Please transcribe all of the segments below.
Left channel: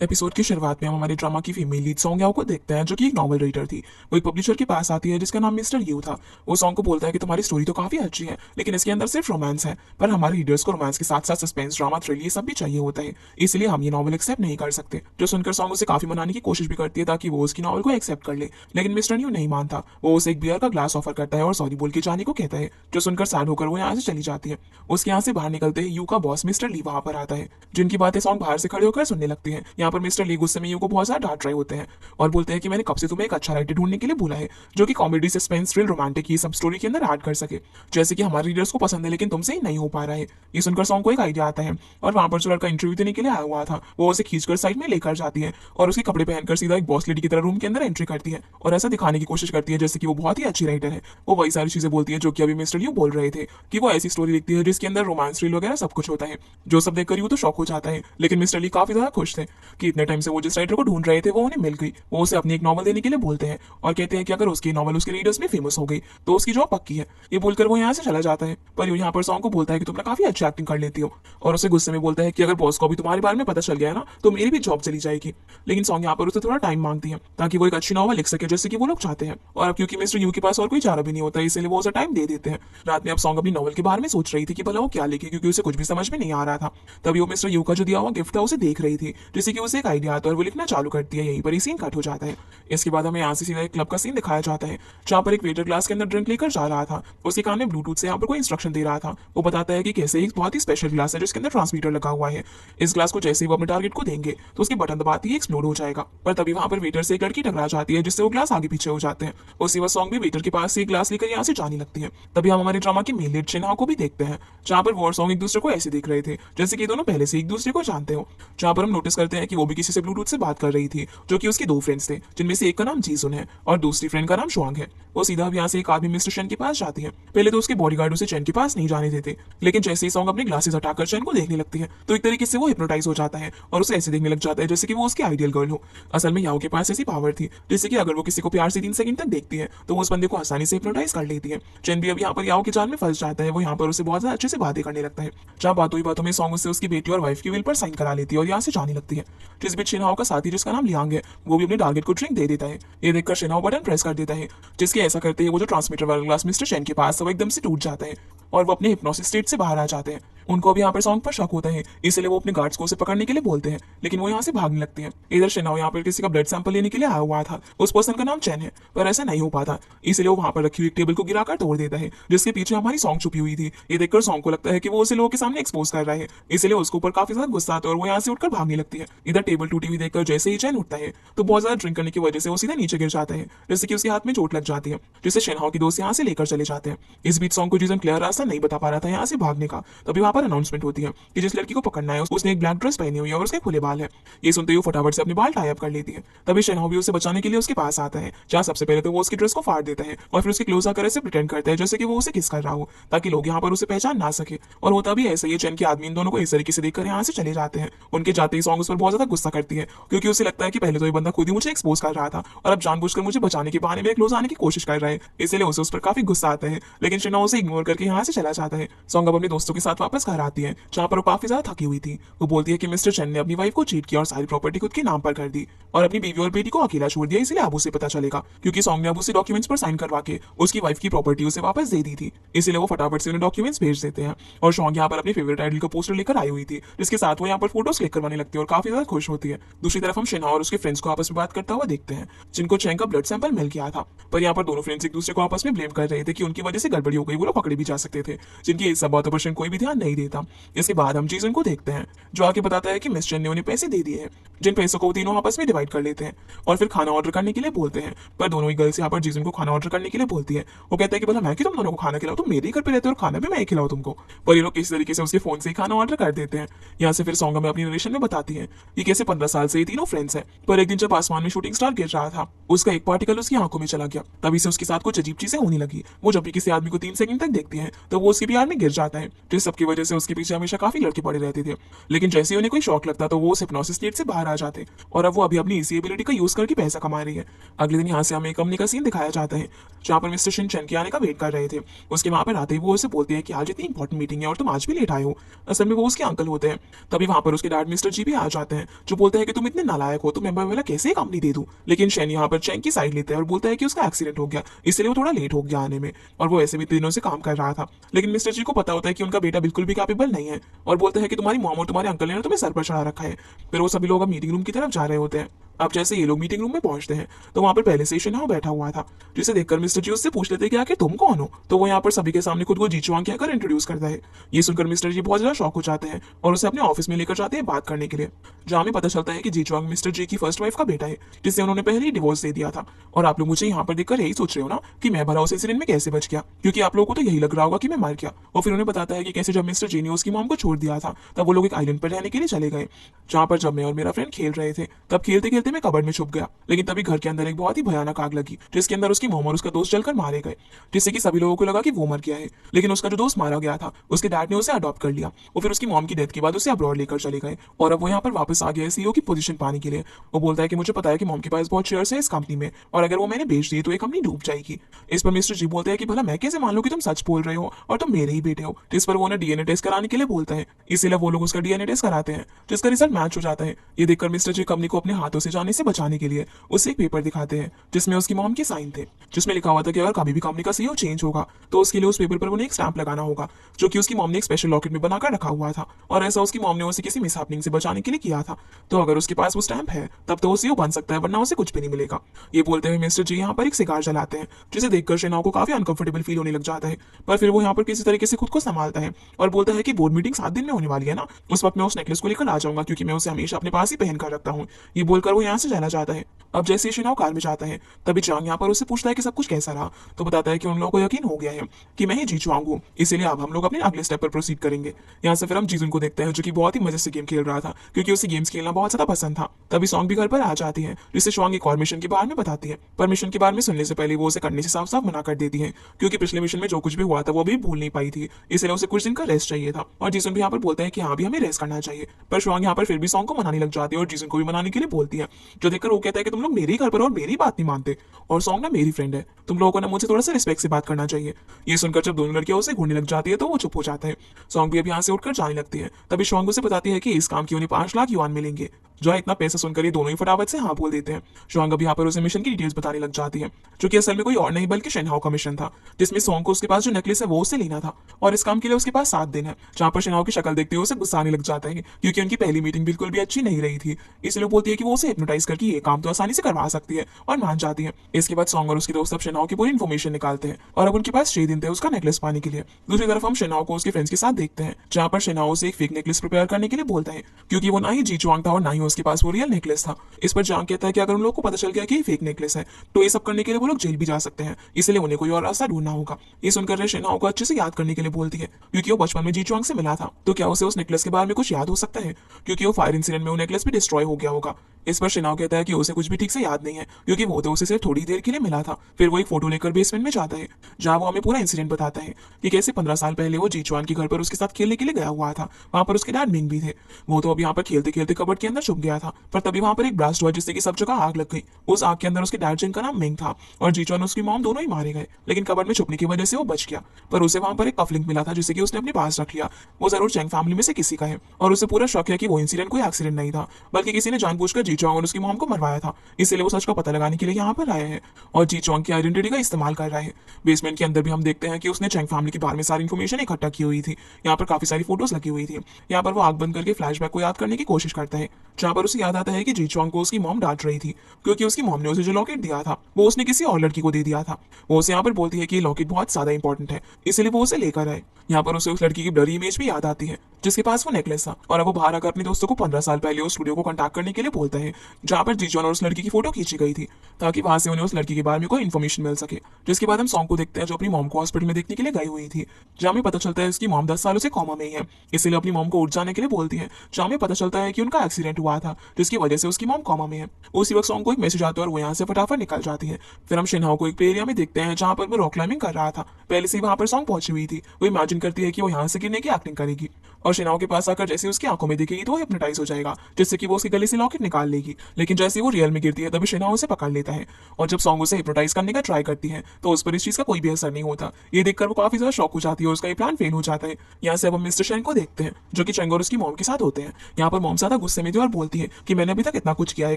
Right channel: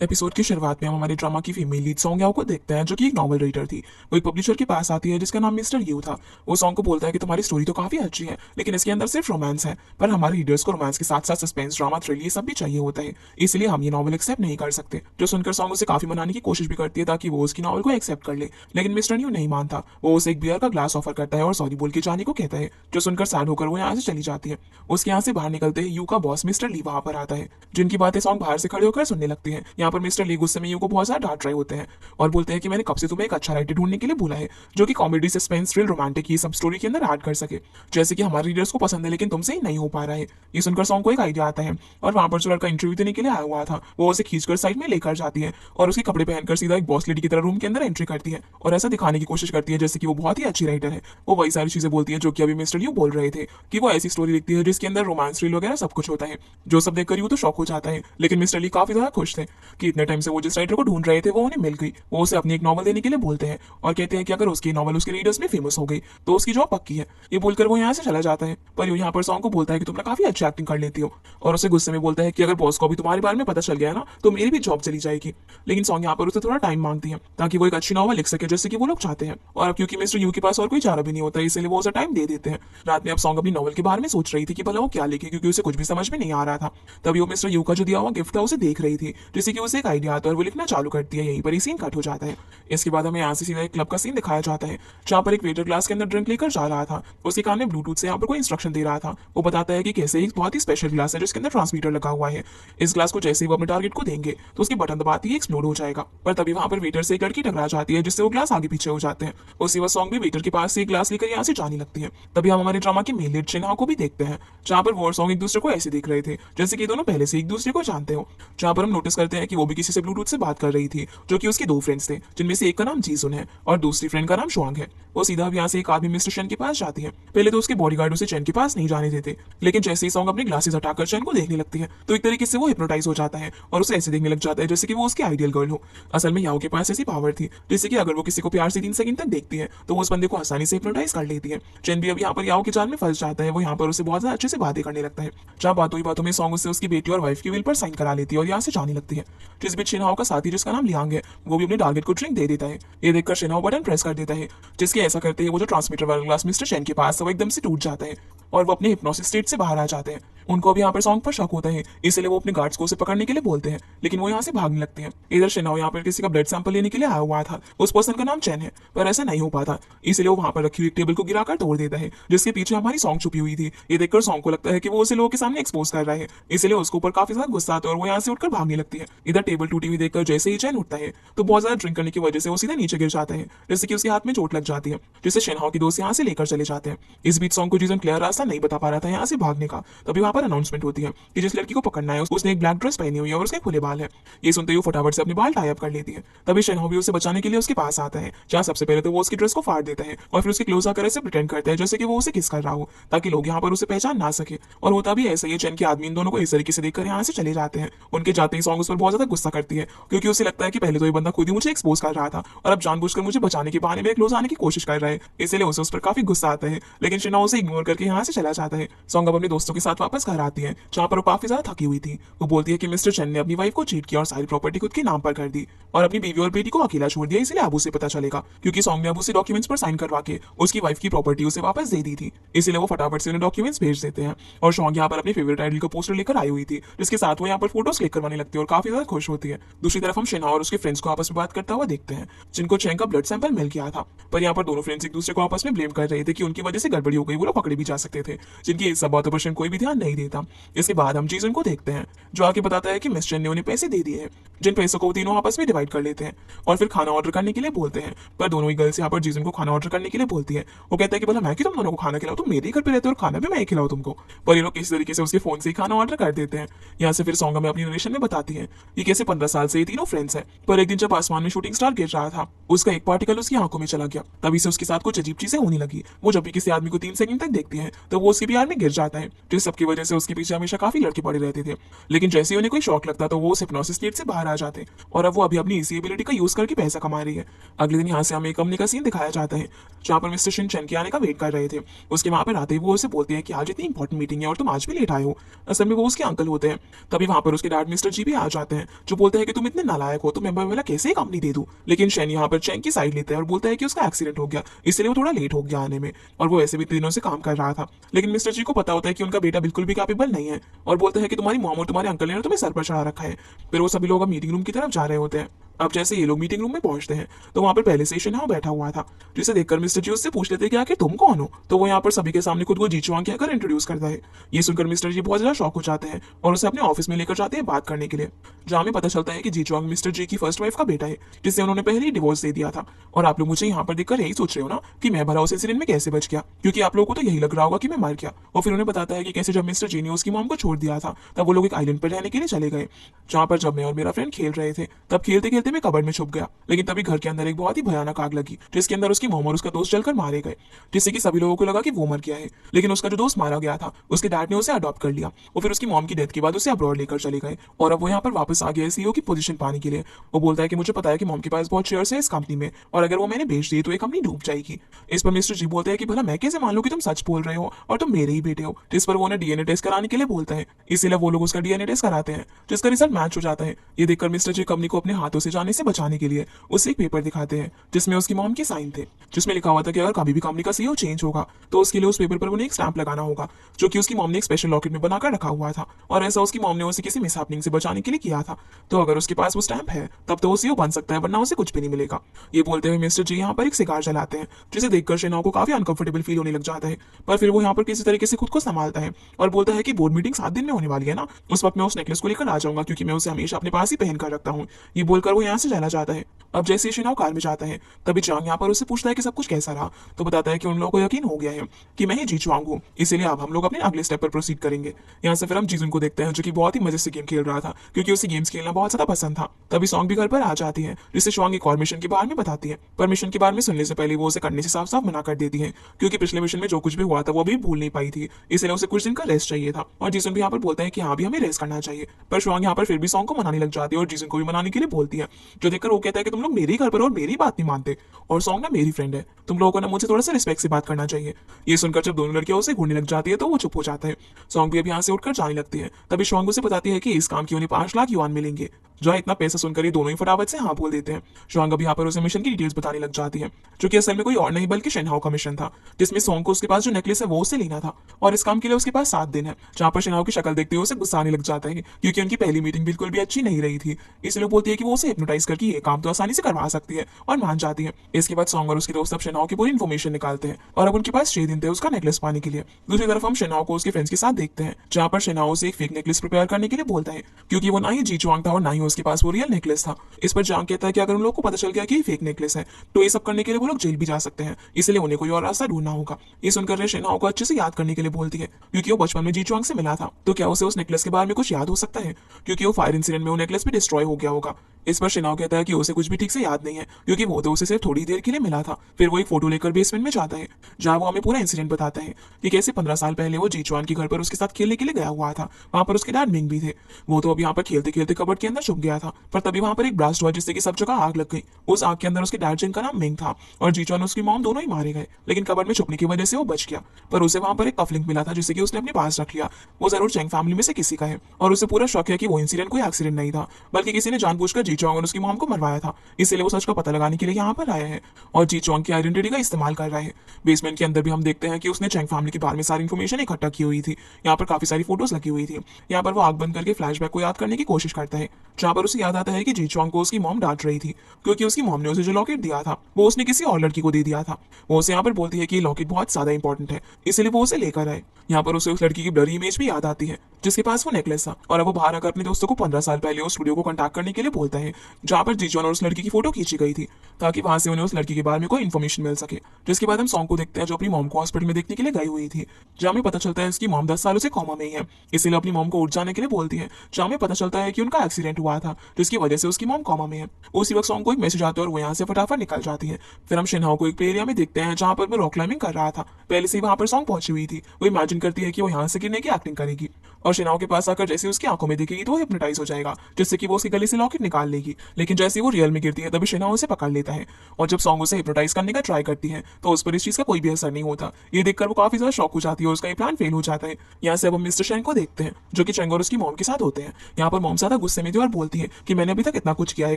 Episode की शुरुआत में हम हमारे ड्रामा की फीमेल लीड सॉन्ग याओ को देखते हैं, जो कि एक नॉवल राइटर थी। वो एक पब्लिशर के पास आती है जिसका नाम मिस्टर यू था। वो सॉन्ग को बोलता है कि तुम्हारी स्टोरी तो काफी अच्छी है, लेकिन इसके अंदर सिर्फ रोमांस है। पर हमारे रीडर्स को रोमांस के साथ साथ सस्पेंस, ड्रामा, थ्रिल ये सब भी चाहिए होता है, इसलिए हम ये नॉवल एक्सेप्ट नहीं कर सकते। जो सुनकर सॉन्ग उसे काफी मनाने की कोशिश भी करती है ताकि वो उसकी नॉवल को एक्सेप्ट कर ले, लेकिन मिस्टर यू नहीं मानता। वो उसे एक बियर का ग्लास ऑफर करता है और सॉरी बोल के जाने को कहता है। जो सुनकर सैड होकर वो यहाँ से चली जाती है। उसके यहाँ से बाहर निकलते ही यू का बॉस मिस्टर ली वहां पर आता है, जिनकी बातें सॉन्ग बाहर से खड़े होकर सुनने लगती है। यहाँ पर मिस्टर ली गुस्से में यू को बहुत ज्यादा डांट रहे होते हैं और बोलते हैं कि मैंने कब से तुम्हें एक अच्छा राइटर ढूंढने के लिए बोला है, जो कि कॉमेडी, सस्पेंस, थ्रिल, रोमांटिक ये सब स्टोरी के अंदर ऐड कर सके, जैसे कि हमारे रीडर्स को पसंद है लेकिन तुमसे ही नहीं हो पा रहा है। ये सुनकर सॉन्ग को एक आइडिया आता है और वहां पर जो लड़का इंटरव्यू देने के लिए आया हुआ था वो उसे खींचकर साइड में लेकर जाती है और उसके कपड़े पहनकर सीधा एक बॉस लेडी की तरह रूम के अंदर एंट्री करती है और ऐसा दिखाने की कोशिश करती है जैसे कि वो बहुत ही अच्छी राइटर है। वो वही सारी चीजें बोलती है जो कि अभी मिस्टर यू बोल रहे थे, कि वो ऐसी स्टोरी लिखती है जिसके अंदर रोमांस, थ्रिल वगैरह सब कुछ होता है। जो सब देखकर यू तो शॉक हो जाता है, लेकिन मिस्टर ली काफी ज्यादा खुश थे कि इतने टाइम से वो जिस राइटर को ढूंढ रहे थे वो उन्हें मिल गई। वो उसे अपनी एक नॉवल देने के लिए बोलते हैं और कहते हैं कि अगर उसकी नॉवल उसके रीडर्स में फेमस हो गई तो उसकी जॉब पक्की है। ये बोलकर वो यहाँ से चला जाता है, पर यहाँ पर सॉन्ग को बोलता है कि तुम काफी अच्छी एक्टिंग कर लेती हो और उसे गुस्से में बोलता है कि अगर बॉस को भी तुम्हारे बारे में पता चल गया ना तो मेरी भी जॉब चली जाएगी। लेकिन सॉन्ग यहाँ पर उसे थोड़ा टाइम मांगती है ताकि वो एक अच्छी नॉवल लिख सके जैसे कि वो लोग चाहते हैं। और अब क्योंकि मिस्टर यू के पास और कोई चारा भी नहीं होता इसलिए वो उसे टाइम दे देते हैं। रात में अब सॉन्ग अपनी नॉवल के बारे में सोच रही थी कि भला वो क्या लिखे, क्योंकि उसे कुछ भी समझ में नहीं आ रहा था। तभी वो मिस्टर यू का जो दिया हुआ गिफ्ट था उसे देख रही थी, जिससे कि उसे एक आइडिया आता है और वो लिखना चालू करती है। यहीं पर ही सीन कट हो जाता है। इसके बाद हमें यहाँ से सीधा एक क्लब का सीन दिखाया जाता है जहाँ पर एक वेटर ग्लास के अंदर ड्रिंक लेकर जा रहा था। उसके कान में ब्लूटूथ से यहाँ पर कोई इंस्ट्रक्शन दे रहा था। वो बताता है कि कैसे एक बहुत ही स्पेशल ग्लास है जिसके अंदर ट्रांसमीटर लगा हुआ है। इस ग्लास को जैसे ही वो अपने टारगेट को देंगे तो उसके बटन दबाते ही एक्सप्लोड हो जाएगा। पर तभी वहां पर वेटर से एक लड़की टकरा जाती है जिससे वो ग्लास आगे पीछे हो जाते हैं। उसी वक्त सॉन्ग भी वेटर के पास से एक ग्लास लेकर यहाँ से जाने लगती है। तभी हम हमारे ड्रामा की मेन लीड चिन्हा को भी देखते हैं, जहाँ पर वो और सॉन्ग एक दूसरे को ऐसे देख रहे थे जैसे कि दोनों पहले से एक दूसरे को जानते हो। जहाँ पर हम नोटिस करते हैं कि वो भी किसी से ब्लूटूथ से बात कर रही थी, जो कि उसके दो फ्रेंड्स थे, जिनमें से एक का नाम जीसुन है और दूसरी फ्रेंड का नाम शुआंग है। वो सीधा अब यहाँ से एक आदमी मिस्टर शन के पास जाती है। पहले तो उसके बॉडीगार्ड उसे चैन के पास नहीं जाने देते, लेकिन जैसे ही सॉन्ग अपने ग्लासेस हटाकर चैन को देखने लगती है तो एक तरीके से वो हिप्नोटाइज हो जाता है और उसे ऐसे देखने लग जाता है जैसे कि वो उसकी आइडियल गर्ल हो। असल में याओ के पास ऐसी पावर थी जैसे कि अगर वो किसी को प्यार से 3 सेकंड तक देखती है तो वो उस बंदे को आसानी से हिप्नोटाइज कर लेती है। चैन भी अब यहाँ पर याओ के जाल में फंस जाता है। वो यहाँ पर उसे बहुत ज्यादा अच्छे से बातें करने लगता है। जहाँ बातों ही बातों में सॉन्ग उससे उसकी बेटी और वाइफ की विल पर साइन करा लेती है और यहाँ से जाने लगती है। जिस बीच शिनहाओ का साथी जिसका नाम लियांग है वो भी अपने टारगेट को ड्रिंक दे देता है। ये देखकर शिनहाओ बटन प्रेस कर देता है, जिसके ऐसा करते ही वो जो ट्रांसमीटर वाला ग्लास मिस्टर चैन के पास वो एकदम से टूट जाता है और वो अपने हिप्नोसिस स्टेट से बाहर आ जाते हैं। उनको भी यहाँ पर सॉन्ग पर शक होता है, इसलिए वो अपने गार्ड्स को उसे पकड़ने के लिए बोलते हैं, लेकिन वो यहाँ से भागने लगते हैं। इधर शिनहाओ यहाँ पर किसी का ब्लड सैंपल लेने के लिए आया हुआ था। उस पर्सन का नाम चैन है, पर ऐसा नहीं हो पाता, इसलिए वो वहां पर रखी हुई टेबल को गिराकर तोड़ देता है, जिसके पीछे हमारी सॉन्ग छुपी हुई थी। ये देखकर सॉन्ग को लगता है कि वो उसे लोगों के सामने एक्सपोज कर रहा है, इसलिए उसके ऊपर काफी ज्यादा गुस्सा आता है और वो यहाँ से उठकर भागने लगती है। इधर टेबल टूटी हुई देखकर जैसे ही चैन उठता है तो बहुत ज्यादा ड्रिंक करने की वजह से वो सीधा नीचे गिर जाता है, जिससे कि उसके हाथ में चोट लग जाती है, जिससे शिनहाओ की दोस्त यहाँ से लेकर चले जाते हैं। इस बीच सॉन्ग को जीसन क्लियर रास्ता नहीं बता पा रहा था यहाँ से भागने का। तभी वहां पर अनाउंसमेंट होती है कि जिस लड़की को पकड़ना है उसने एक ब्लैक ड्रेस पहनी हुई है और उसके खुले बाल है। ये सुनते ही वो फटाफट से अपने बाल टाई अप कर लेती है। तभी शिनहाओ भी उसे बचाने के लिए उसके पास आता है, जहाँ सबसे पहले तो वो उसकी ड्रेस को फाड़ देता है और फिर उसके क्लोज आकर ऐसे प्रिटेंड करता है जैसे कि वो उसे किस कर रहा हो, ताकि लोग यहाँ पर उसे पहचान ना सके। और होता भी ऐसा ही, चैन के आदमी इन दोनों को इस तरीके से देखकर यहाँ से चले जाते हैं। उनके जाते ही सॉन्ग उस पर बहुत ज्यादा गुस्सा करती है, क्योंकि उसे लगता है कि पहले तो ये बंदा खुद ही मुझे एक्सपोज कर रहा था और अब जानबूझकर मुझे बचाने के बहाने में क्लोज आने की कोशिश कर रहा है, इसलिए उसे उस पर काफी गुस्सा आता है। लेकिन शिनहाओ उसे इग्नोर करके यहाँ से चला जाता है। सॉन्ग अब अपने दोस्तों के साथ वापस घर आती है, जहाँ पर वो काफी ज्यादा थकी हुई थी। वो बोलती है कि मिस्टर चैन ने अपनी वाइफ को चीट किया और सारी प्रॉपर्टी खुद के नाम पर कर दी और अपनी बीवी और बेटी को अकेला छोड़ दिया, इसलिए अबू से पता चलेगा, क्योंकि सॉन्ग ने अबू से डॉक्यूमेंट्स पर साइन करवा के उसकी वाइफ की प्रॉपर्टी उसे वापस दे दी थी। इसलिए वो फटाफट से उन्हें डॉक्यूमेंट्स भेज देते हैं और सॉन्ग यहाँ पर अपनी फेवरेट आइडल का पोस्टर लेकर आई हुई थी, जिसके साथ वो यहाँ पर फोटोज क्लिक करवाने लगती है और काफी ज्यादा खुश होती है। दूसरी तरफ हम शिनहाओ और उसके फ्रेंड्स को आपस में बात करता हुआ देखते हैं, जिनको चैन का ब्लड सैंपल मिल गया था। पर यहाँ पर दोनों फ्रेंड्स एक दूसरे को आपस में ब्लेम कर रहे थे कि उनकी वजह से गड़बड़ी हो गई, वो लोग पकड़े भी जा सकते थे, जिनकी इस सब बातों पर कोई भी ध्यान नहीं देता। इसके बाद हम जीसन को देखते हैं, जो आके बताता है कि मिस चैन ने उन्हें पैसे दे दिए हैं, जिन पैसों को वो तीनों आपस में डिवाइड कर लेते हैं और फिर खाना ऑर्डर करने के लिए बोलते हैं। पर दोनों ही गर्ल्स यहाँ पर जीसन को खाना ऑर्डर करने के लिए बोलती है। वो कहता है कि बोला मैं कि तुम दोनों को खाना खिलाओ, तुम मेरे घर पे रहते हो और खाना भी मैं ही खिलाऊं तुमको। पर ये लोग किसी तरीके से उसके फोन से ही खाना ऑर्डर कर देते हैं। यहाँ से फिर सॉन्ग में अपनी नरेशन में बताती है कि कैसे 15 साल से ये तीनों फ्रेंड्स हैं, पर एक दिन जब आसमान में शूटिंग स्टार गिर रहा था उसका एक पार्टिकल उसकी आंखों में चला गया। तभी से उसके साथ कुछ अजीब चीजें होने लगी। वो जब भी किसी आदमी को 3 सेकंड तक देखती है तो वो उसके प्यार में गिर जाता है, जिस सबकी वजह से उसके पीछे हमेशा काफी लड़के पड़े रहते थे। लेकिन जैसे ही उन्हें कोई शौक लगता तो वो उस हिप्नोसिस स्टेट से बाहर आ जाते और अब वो अभी अपनी इसी एबिलिटी का यूज करके पैसा कमा रही है। अगले दिन यहाँ से हमें एक कंपनी का सीन दिखाया जाता है, जहाँ पर मिस्टर शिन चैन के आने का वेट कर रहे थे। उसके वहां पर आते ही वो उसे बोलते हैं कि आज इतनी इंपॉर्टेंट मीटिंग है और तुम आज भी लेट आए हो। असल में वो उसके अंकल होते हैं। तभी वहां पर उसके डैड मिस्टर जी भी आ जाते हैं हैं, जो बोलता है कि तुम इतने नालायक हो, तुम्हें मैं वाला कैसे कंपनी दे दूं। लेकिन शेन यहाँ पर चैंग की साइड लेता है और बोलता है कि उसका एक्सीडेंट हो गया, इसलिए वो थोड़ा लेट हो गया आने में, और वो ऐसे भी दिनों से काम कर रहा था। लेकिन मिस्टर जी को पता होता है कि उनका बेटा बिल्कुल भी कैपेबल नहीं है, और बोलता है कि तुम्हारी मॉम और तुम्हारे अंकल ने तुम्हें सर पर चढ़ा रखा है। फिर वो सभी लोग अब मीटिंग रूम की तरफ जा रहे होते हैं। अब जैसे ये लोग मीटिंग रूम में पहुंचते हैं तो वहां पर पहले से शेनहाओ बैठा हुआ था, जिसे देखकर मिस्टर जी उससे पूछ लेते हैं कि आखिर तुम कौन हो। तो वो यहाँ पर सभी के सामने खुद को जी चुआंग कहकर इंट्रोड्यूस करता है। ये सुनकर मिस्टर जी बहुत ज्यादा शॉक हो जाते हैं और उसे अपने ऑफिस में लेकर जाते हैं बात करने के लिए, जहाँ हमें पता चलता है कि जी चुआंग मिस्टर जी की फर्स्ट वाइफ का बेटा है, जिससे उन्होंने पहले ही डिवोर्स दे दिया था। और आप लोग मुझे यहाँ पर देखकर यही सोच रहे हो ना कि मैं भला उस इंसिडेंट में कैसे बच गया, क्योंकि आप लोगों को तो यही लग रहा होगा कि मैं मर गया। और फिर उन्हें बताता है कि कैसे जब मिस्टर जी ने उसकी मॉम को छोड़ दिया था तब वो लोग एक आइलैंड पर रहने के लिए चले गए, जहाँ पर जब मैं और मेरा फ्रेंड खेल रहे थे तब खेलते खेलते मैं कबर्ड में छुप गया। लेकिन तभी घर के अंदर एक बहुत ही भयानक आग लगी, जिसके अंदर उसकी मॉम और उसका दोस्त जलकर मारे गए, जिससे कि सभी लोगों को लगा कि वो मर गया है। लेकिन उसका जो दोस्त मारा गया था उसके डैड ने उसे अडॉप्ट कर लिया, और फिर उसकी मॉम की डेथ के बाद उसे अब्रॉड लेकर चले गए, और अब वो यहाँ पर वापस आ गया है सीईओ की पोजीशन पाने के लिए। वो बोलता है कि मुझे पता है कि मॉम के पास बहुत शेयर्स है इस कंपनी में, और अगर वो मैंने बेच दिए तो ये कंपनी डूब जाएगी। इस पर मिस्टर जी बोलते हैं कि भला मैं कैसे मान लूं कि तुम सच बोल रहे हो और तुम मेरे ही बेटे हो। इस पर वो उन्हें डीएनए टेस्ट कराने के लिए बोलता है, इसीलिए वो लोग उसका डीएनए टेस्ट कराते हैं, जिसका रिजल्ट मैच हो जाता है। ये देखकर मिस्टर जी कंपनी को अपने हाथों से जाने से बचाने के लिए उसे एक पेपर दिखाते हैं जिसमें उसकी मॉम के साइन थे, जिसमें लिखा हुआ था कि अगर कभी भी कंपनी का सीईओ चेंज होगा तो उसके लिए उस पेपर पर उन्हें एक स्टैंप लगाना होगा, जो कि उसकी मॉम ने एक स्पेशल लॉकेट में बनाकर रखा हुआ था, और ऐसा उसकी मॉम ने उसे किसी मिसहैपनिंग से बचाने के लिए किया था। तो अगर उसके पास वो स्टैंप है तब तो वो सीईओ बन सकता है, वरना उसे कुछ भी नहीं मिलेगा। ये बोलते हुए मिस्टर जी यहाँ पर एक सिगार जलाते हैं, जिसे देखकर शेनाओ को काफी अनकंफर्टेबल फील होने लग जाता है। पर फिर वो यहाँ पर किसी तरीके से खुद को संभालता है और बोलता है कि बोर्ड मीटिंग 7 दिन में होने वाली है ना, उस वक्त मैं उस नेकलेस को लेकर आ जाऊंगा, क्योंकि मैं उसे हमेशा अपने पास ही पहन कर रखता हूँ। ये बोलकर वो यहाँ से चला जाता है। अब जैसे शेनाओ कार में जाता है तभी चांग यहाँ पर उससे पूछता है कि सब कुछ कैसा रहा, तो बताता है कि उन लोगों को यकीन हो गया है कि मैं ही जी चुआंग हूँ, इसीलिए अब हम लोग अपने अगले स्टेप पर प्रोसीड करेंगे। यहाँ से फिर हम जीजुन को देखते हैं, जो कि बहुत ही मजे से गेम खेल रहा था, क्योंकि उसे गेम्स खेलना बहुत ज्यादा पसंद था। तभी सॉन्ग भी घर पर आ जाती है, जिससे शुआंग एक और मिशन के बारे में बताती है। पर मिशन के बारे में सुनने से पहले वो उसे करने से साफ साफ मना कर देती है, क्योंकि पिछले मिशन में जो कुछ भी हुआ था वो अभी भूल नहीं पाई थी, इसलिए उसे कुछ दिन का रेस्ट चाहिए था। और जीजुन भी यहाँ पर बोलता है कि हाँ भी हमें रेस्ट करना चाहिए। पर शुआंग यहाँ पर फिर भी सॉन्ग को मनाने लग जाती है और जीजुन को भी मनाने के लिए बोलती है, जो देखकर वो कहता है कि तुम लोग मेरे ही घर पर और मेरी बात नहीं मानते, और सॉन्ग ना मेरी फ्रेंड है, तुम लोगों को ना मुझे थोड़ा सा रिस्पेक्ट से बात करना चाहिए। ये सुनकर जब दोनों लड़कियां उसे घूरने लग जाती है तो वो चुप हो जाता है। सॉन्ग भी अब यहाँ से उठकर जाने लगती है। तभी सॉन्ग उसे बताती है कि इस काम की उन्हें 5 लाख युआन मिलेंगे। जो है इतना पैसा सुनकर ये दोनों ही फटाफट से हाँ बोल देते हैं। सॉन्ग अब यहाँ पर उसे मिशन की डिटेल्स बताने लग जाती है, जो कि असल में कोई और नहीं बल्कि शेनहाओ का मिशन था, जिसमें सॉन्ग को उसके पास जो नेकलेस है वो उसे लेना था, और इस काम के लिए उसके पास 7 दिन है। जहाँ पर शेनहाओ की शक्ल देखते हुए उसे गुस्सा आने लग जाता है, क्योंकि उनकी पहली मीटिंग बिल्कुल भी अच्छी नहीं रही थी। इसलिए बोलती है कि वो उसे हिप्नोटाइज करके ये काम तो आसानी से करवा सकती है, और मान जाती है। इसके बाद सॉन्ग और उसके दोस्त अब शेनहाओ की पूरी इन्फॉर्मेशन निकालते हैं, और अब उनके पास 6 दिन थे उसका नेकलेस पाने के लिए। दूसरी तरफ हम शेनहाओ को उसके फ्रेंड्स के साथ देखते हैं, जहाँ पर शेनहाओ से एक फेक नेकलेस प्रिपेयर करने के लिए बोलता है, क्योंकि वो ना ही जी चुआंग था और ना ही उसके पास वो रियल नेकलेस था। इस पर जांग कहता है कि अगर उन लोगों को पता चल गया कि ये फेक नेकलेस है तो ये सब करने के लिए वो लोग जेल भी जा सकते हैं, इसलिए उन्हें कोई और रास्ता ढूंढना होगा। ये सुनकर शेनहाओ को अच्छे से याद करने के लिए बोलती है, क्योंकि वो बचपन में जी चुआंग से मिला था, तो क्या उसे उस नेकलेस के बारे में कुछ याद हो सकता है, क्योंकि वो फायर इंसिडेंट में वो नेकलेस भी डिस्ट्रॉय हो गया होगा। इस पर शेनहाओ कहता है कि उसे कुछ भी ठीक से याद नहीं है, क्योंकि वो तो उसे सिर्फ थोड़ी देर के लिए मिला था। फिर वो एक फोटो लेकर बेसमेंट में जाता है, जहाँ वो हमें पूरा इंसिडेंट बताता है कि कैसे 15 साल पहले वो जी चुआंग के घर पर उसके साथ खेलने के लिए गया हुआ था। वहां पर उसके डैड मिंग भी थे। वो तो अब यहाँ पर खेलते खेलते कबर्ड के अंदर छुप गया था, पर तभी वहां पर एक ब्लास्ट हुआ, जिससे कि सब जगह आग लग गई। उस आग के अंदर उसके डैड जिनका नाम मिंग था और जीचुआन उसकी मॉम दोनों ही मारे गए, लेकिन कबर्ड में छुपने की वजह से वो बच गया। पर उसे वहां पर एक कफलिंग मिला था, जिसे कि उसने अपने पास रख लिया। वो जरूर चैंग फैमिली में से किसी का है, और उसे पूरा शक है कि वो इंसिडेंट कोई एक्सीडेंट नहीं था, बल्कि किसी ने जानबूझकर जीचुआंग और उसकी मॉम को मरवाया था। इसलिए वो सच का पता लगाने के लिए यहाँ पर आया है और जीचुआंग की आइडेंटिटी का इस्तेमाल कर रहा है। बेसमेंट के अंदर भी हम देखते हैं कि उसने चैंग फैमिली के बारे में सारी इन्फॉर्मेशन इकट्ठा की हुई थी। यहाँ पर काफी सारी फोटोज लगी हुई थी। यहाँ पर वो आग बंद करके फ्लैशबैक को याद करने की कोशिश करता है, जहाँ पर उसे याद आता है कि जीचुआंग को उसकी मॉम डांट रही थी, क्योंकि उसकी मॉम ने उसे जो लॉकेट दिया था वो उसने किसी और लड़की को दे दिया था। वो उसे यहाँ पर बोलती है कि ये लॉकेट बहुत ज्यादा इंपॉर्टेंट है, इसलिए वो उसे लेकर आए। यहाँ पर उसे उस लड़की की ब्लरी इमेज भी याद आती है, जिसके पास वो नेकलेस था, और अब वो बाहर आकर अपने दोस्तों को 15 साल पहले उस स्टूडियो को कॉन्टैक्ट करने के लिए बोलता है, जहाँ पर जीचुआन और उस लड़की की फोटो खींची गई थी, ताकि वहां से उन्हें उस लड़की के बारे में कोई इन्फॉर्मेशन मिल सके। जिसके बाद हम सॉन्ग को देखते हैं, जो अपनी मॉम को हॉस्पिटल में देखने के लिए गई हुई थी, जहाँ हमें पता चलता है इसकी मॉम 10 सालों से कोमा में ही है, इसीलिए अपनी मॉम को उठ जाने के लिए बोलती है। जहाँ हमें पता चलता है कि उनका एक्सीडेंट हुआ था, जिसकी वजह से उसकी मॉम कोमा में है। उसी वक्त सॉन्ग को एक मैसेज आता है और वो यहाँ से फटाफट निकल जाती है। फिर हम शेनहाओ को एक प्ले एरिया में देखते हैं, जहाँ पर वो रॉक क्लाइंबिंग कर रहा था। पहले से वहां पर सॉन्ग पहुंची हुई थी। वो इमेजिन करती है कि वो यहाँ से गिरने की एक्टिंग करेगी, और शेनहाओ के पास आकर जैसे उसकी आंखों में देखेगी तो वो हिप्नोटाइज हो जाएगा, जिससे कि वो उसके गले से लॉकेट निकाल निकाल लेगी, लेकिन जैसे ही वो रियल में गिरती है तभी शिनहाओ उसे पकड़ लेता है। और जब सॉन्ग उसे हिप्नोटाइज करने का ट्राई करती है तो उस पर इस चीज का कोई भी असर नहीं होता। ये देखकर वो काफी ज्यादा शॉक हो जाती है और उसका ये प्लान फेल हो जाता है। यहाँ से अब हम मिस्टर शेन को देखते हैं जो कि चेंग और उसकी मॉम के साथ होते हैं। यहाँ पर मॉम ज्यादा गुस्से में थी और बोलती है कि मैंने अभी तक इतना कुछ किया है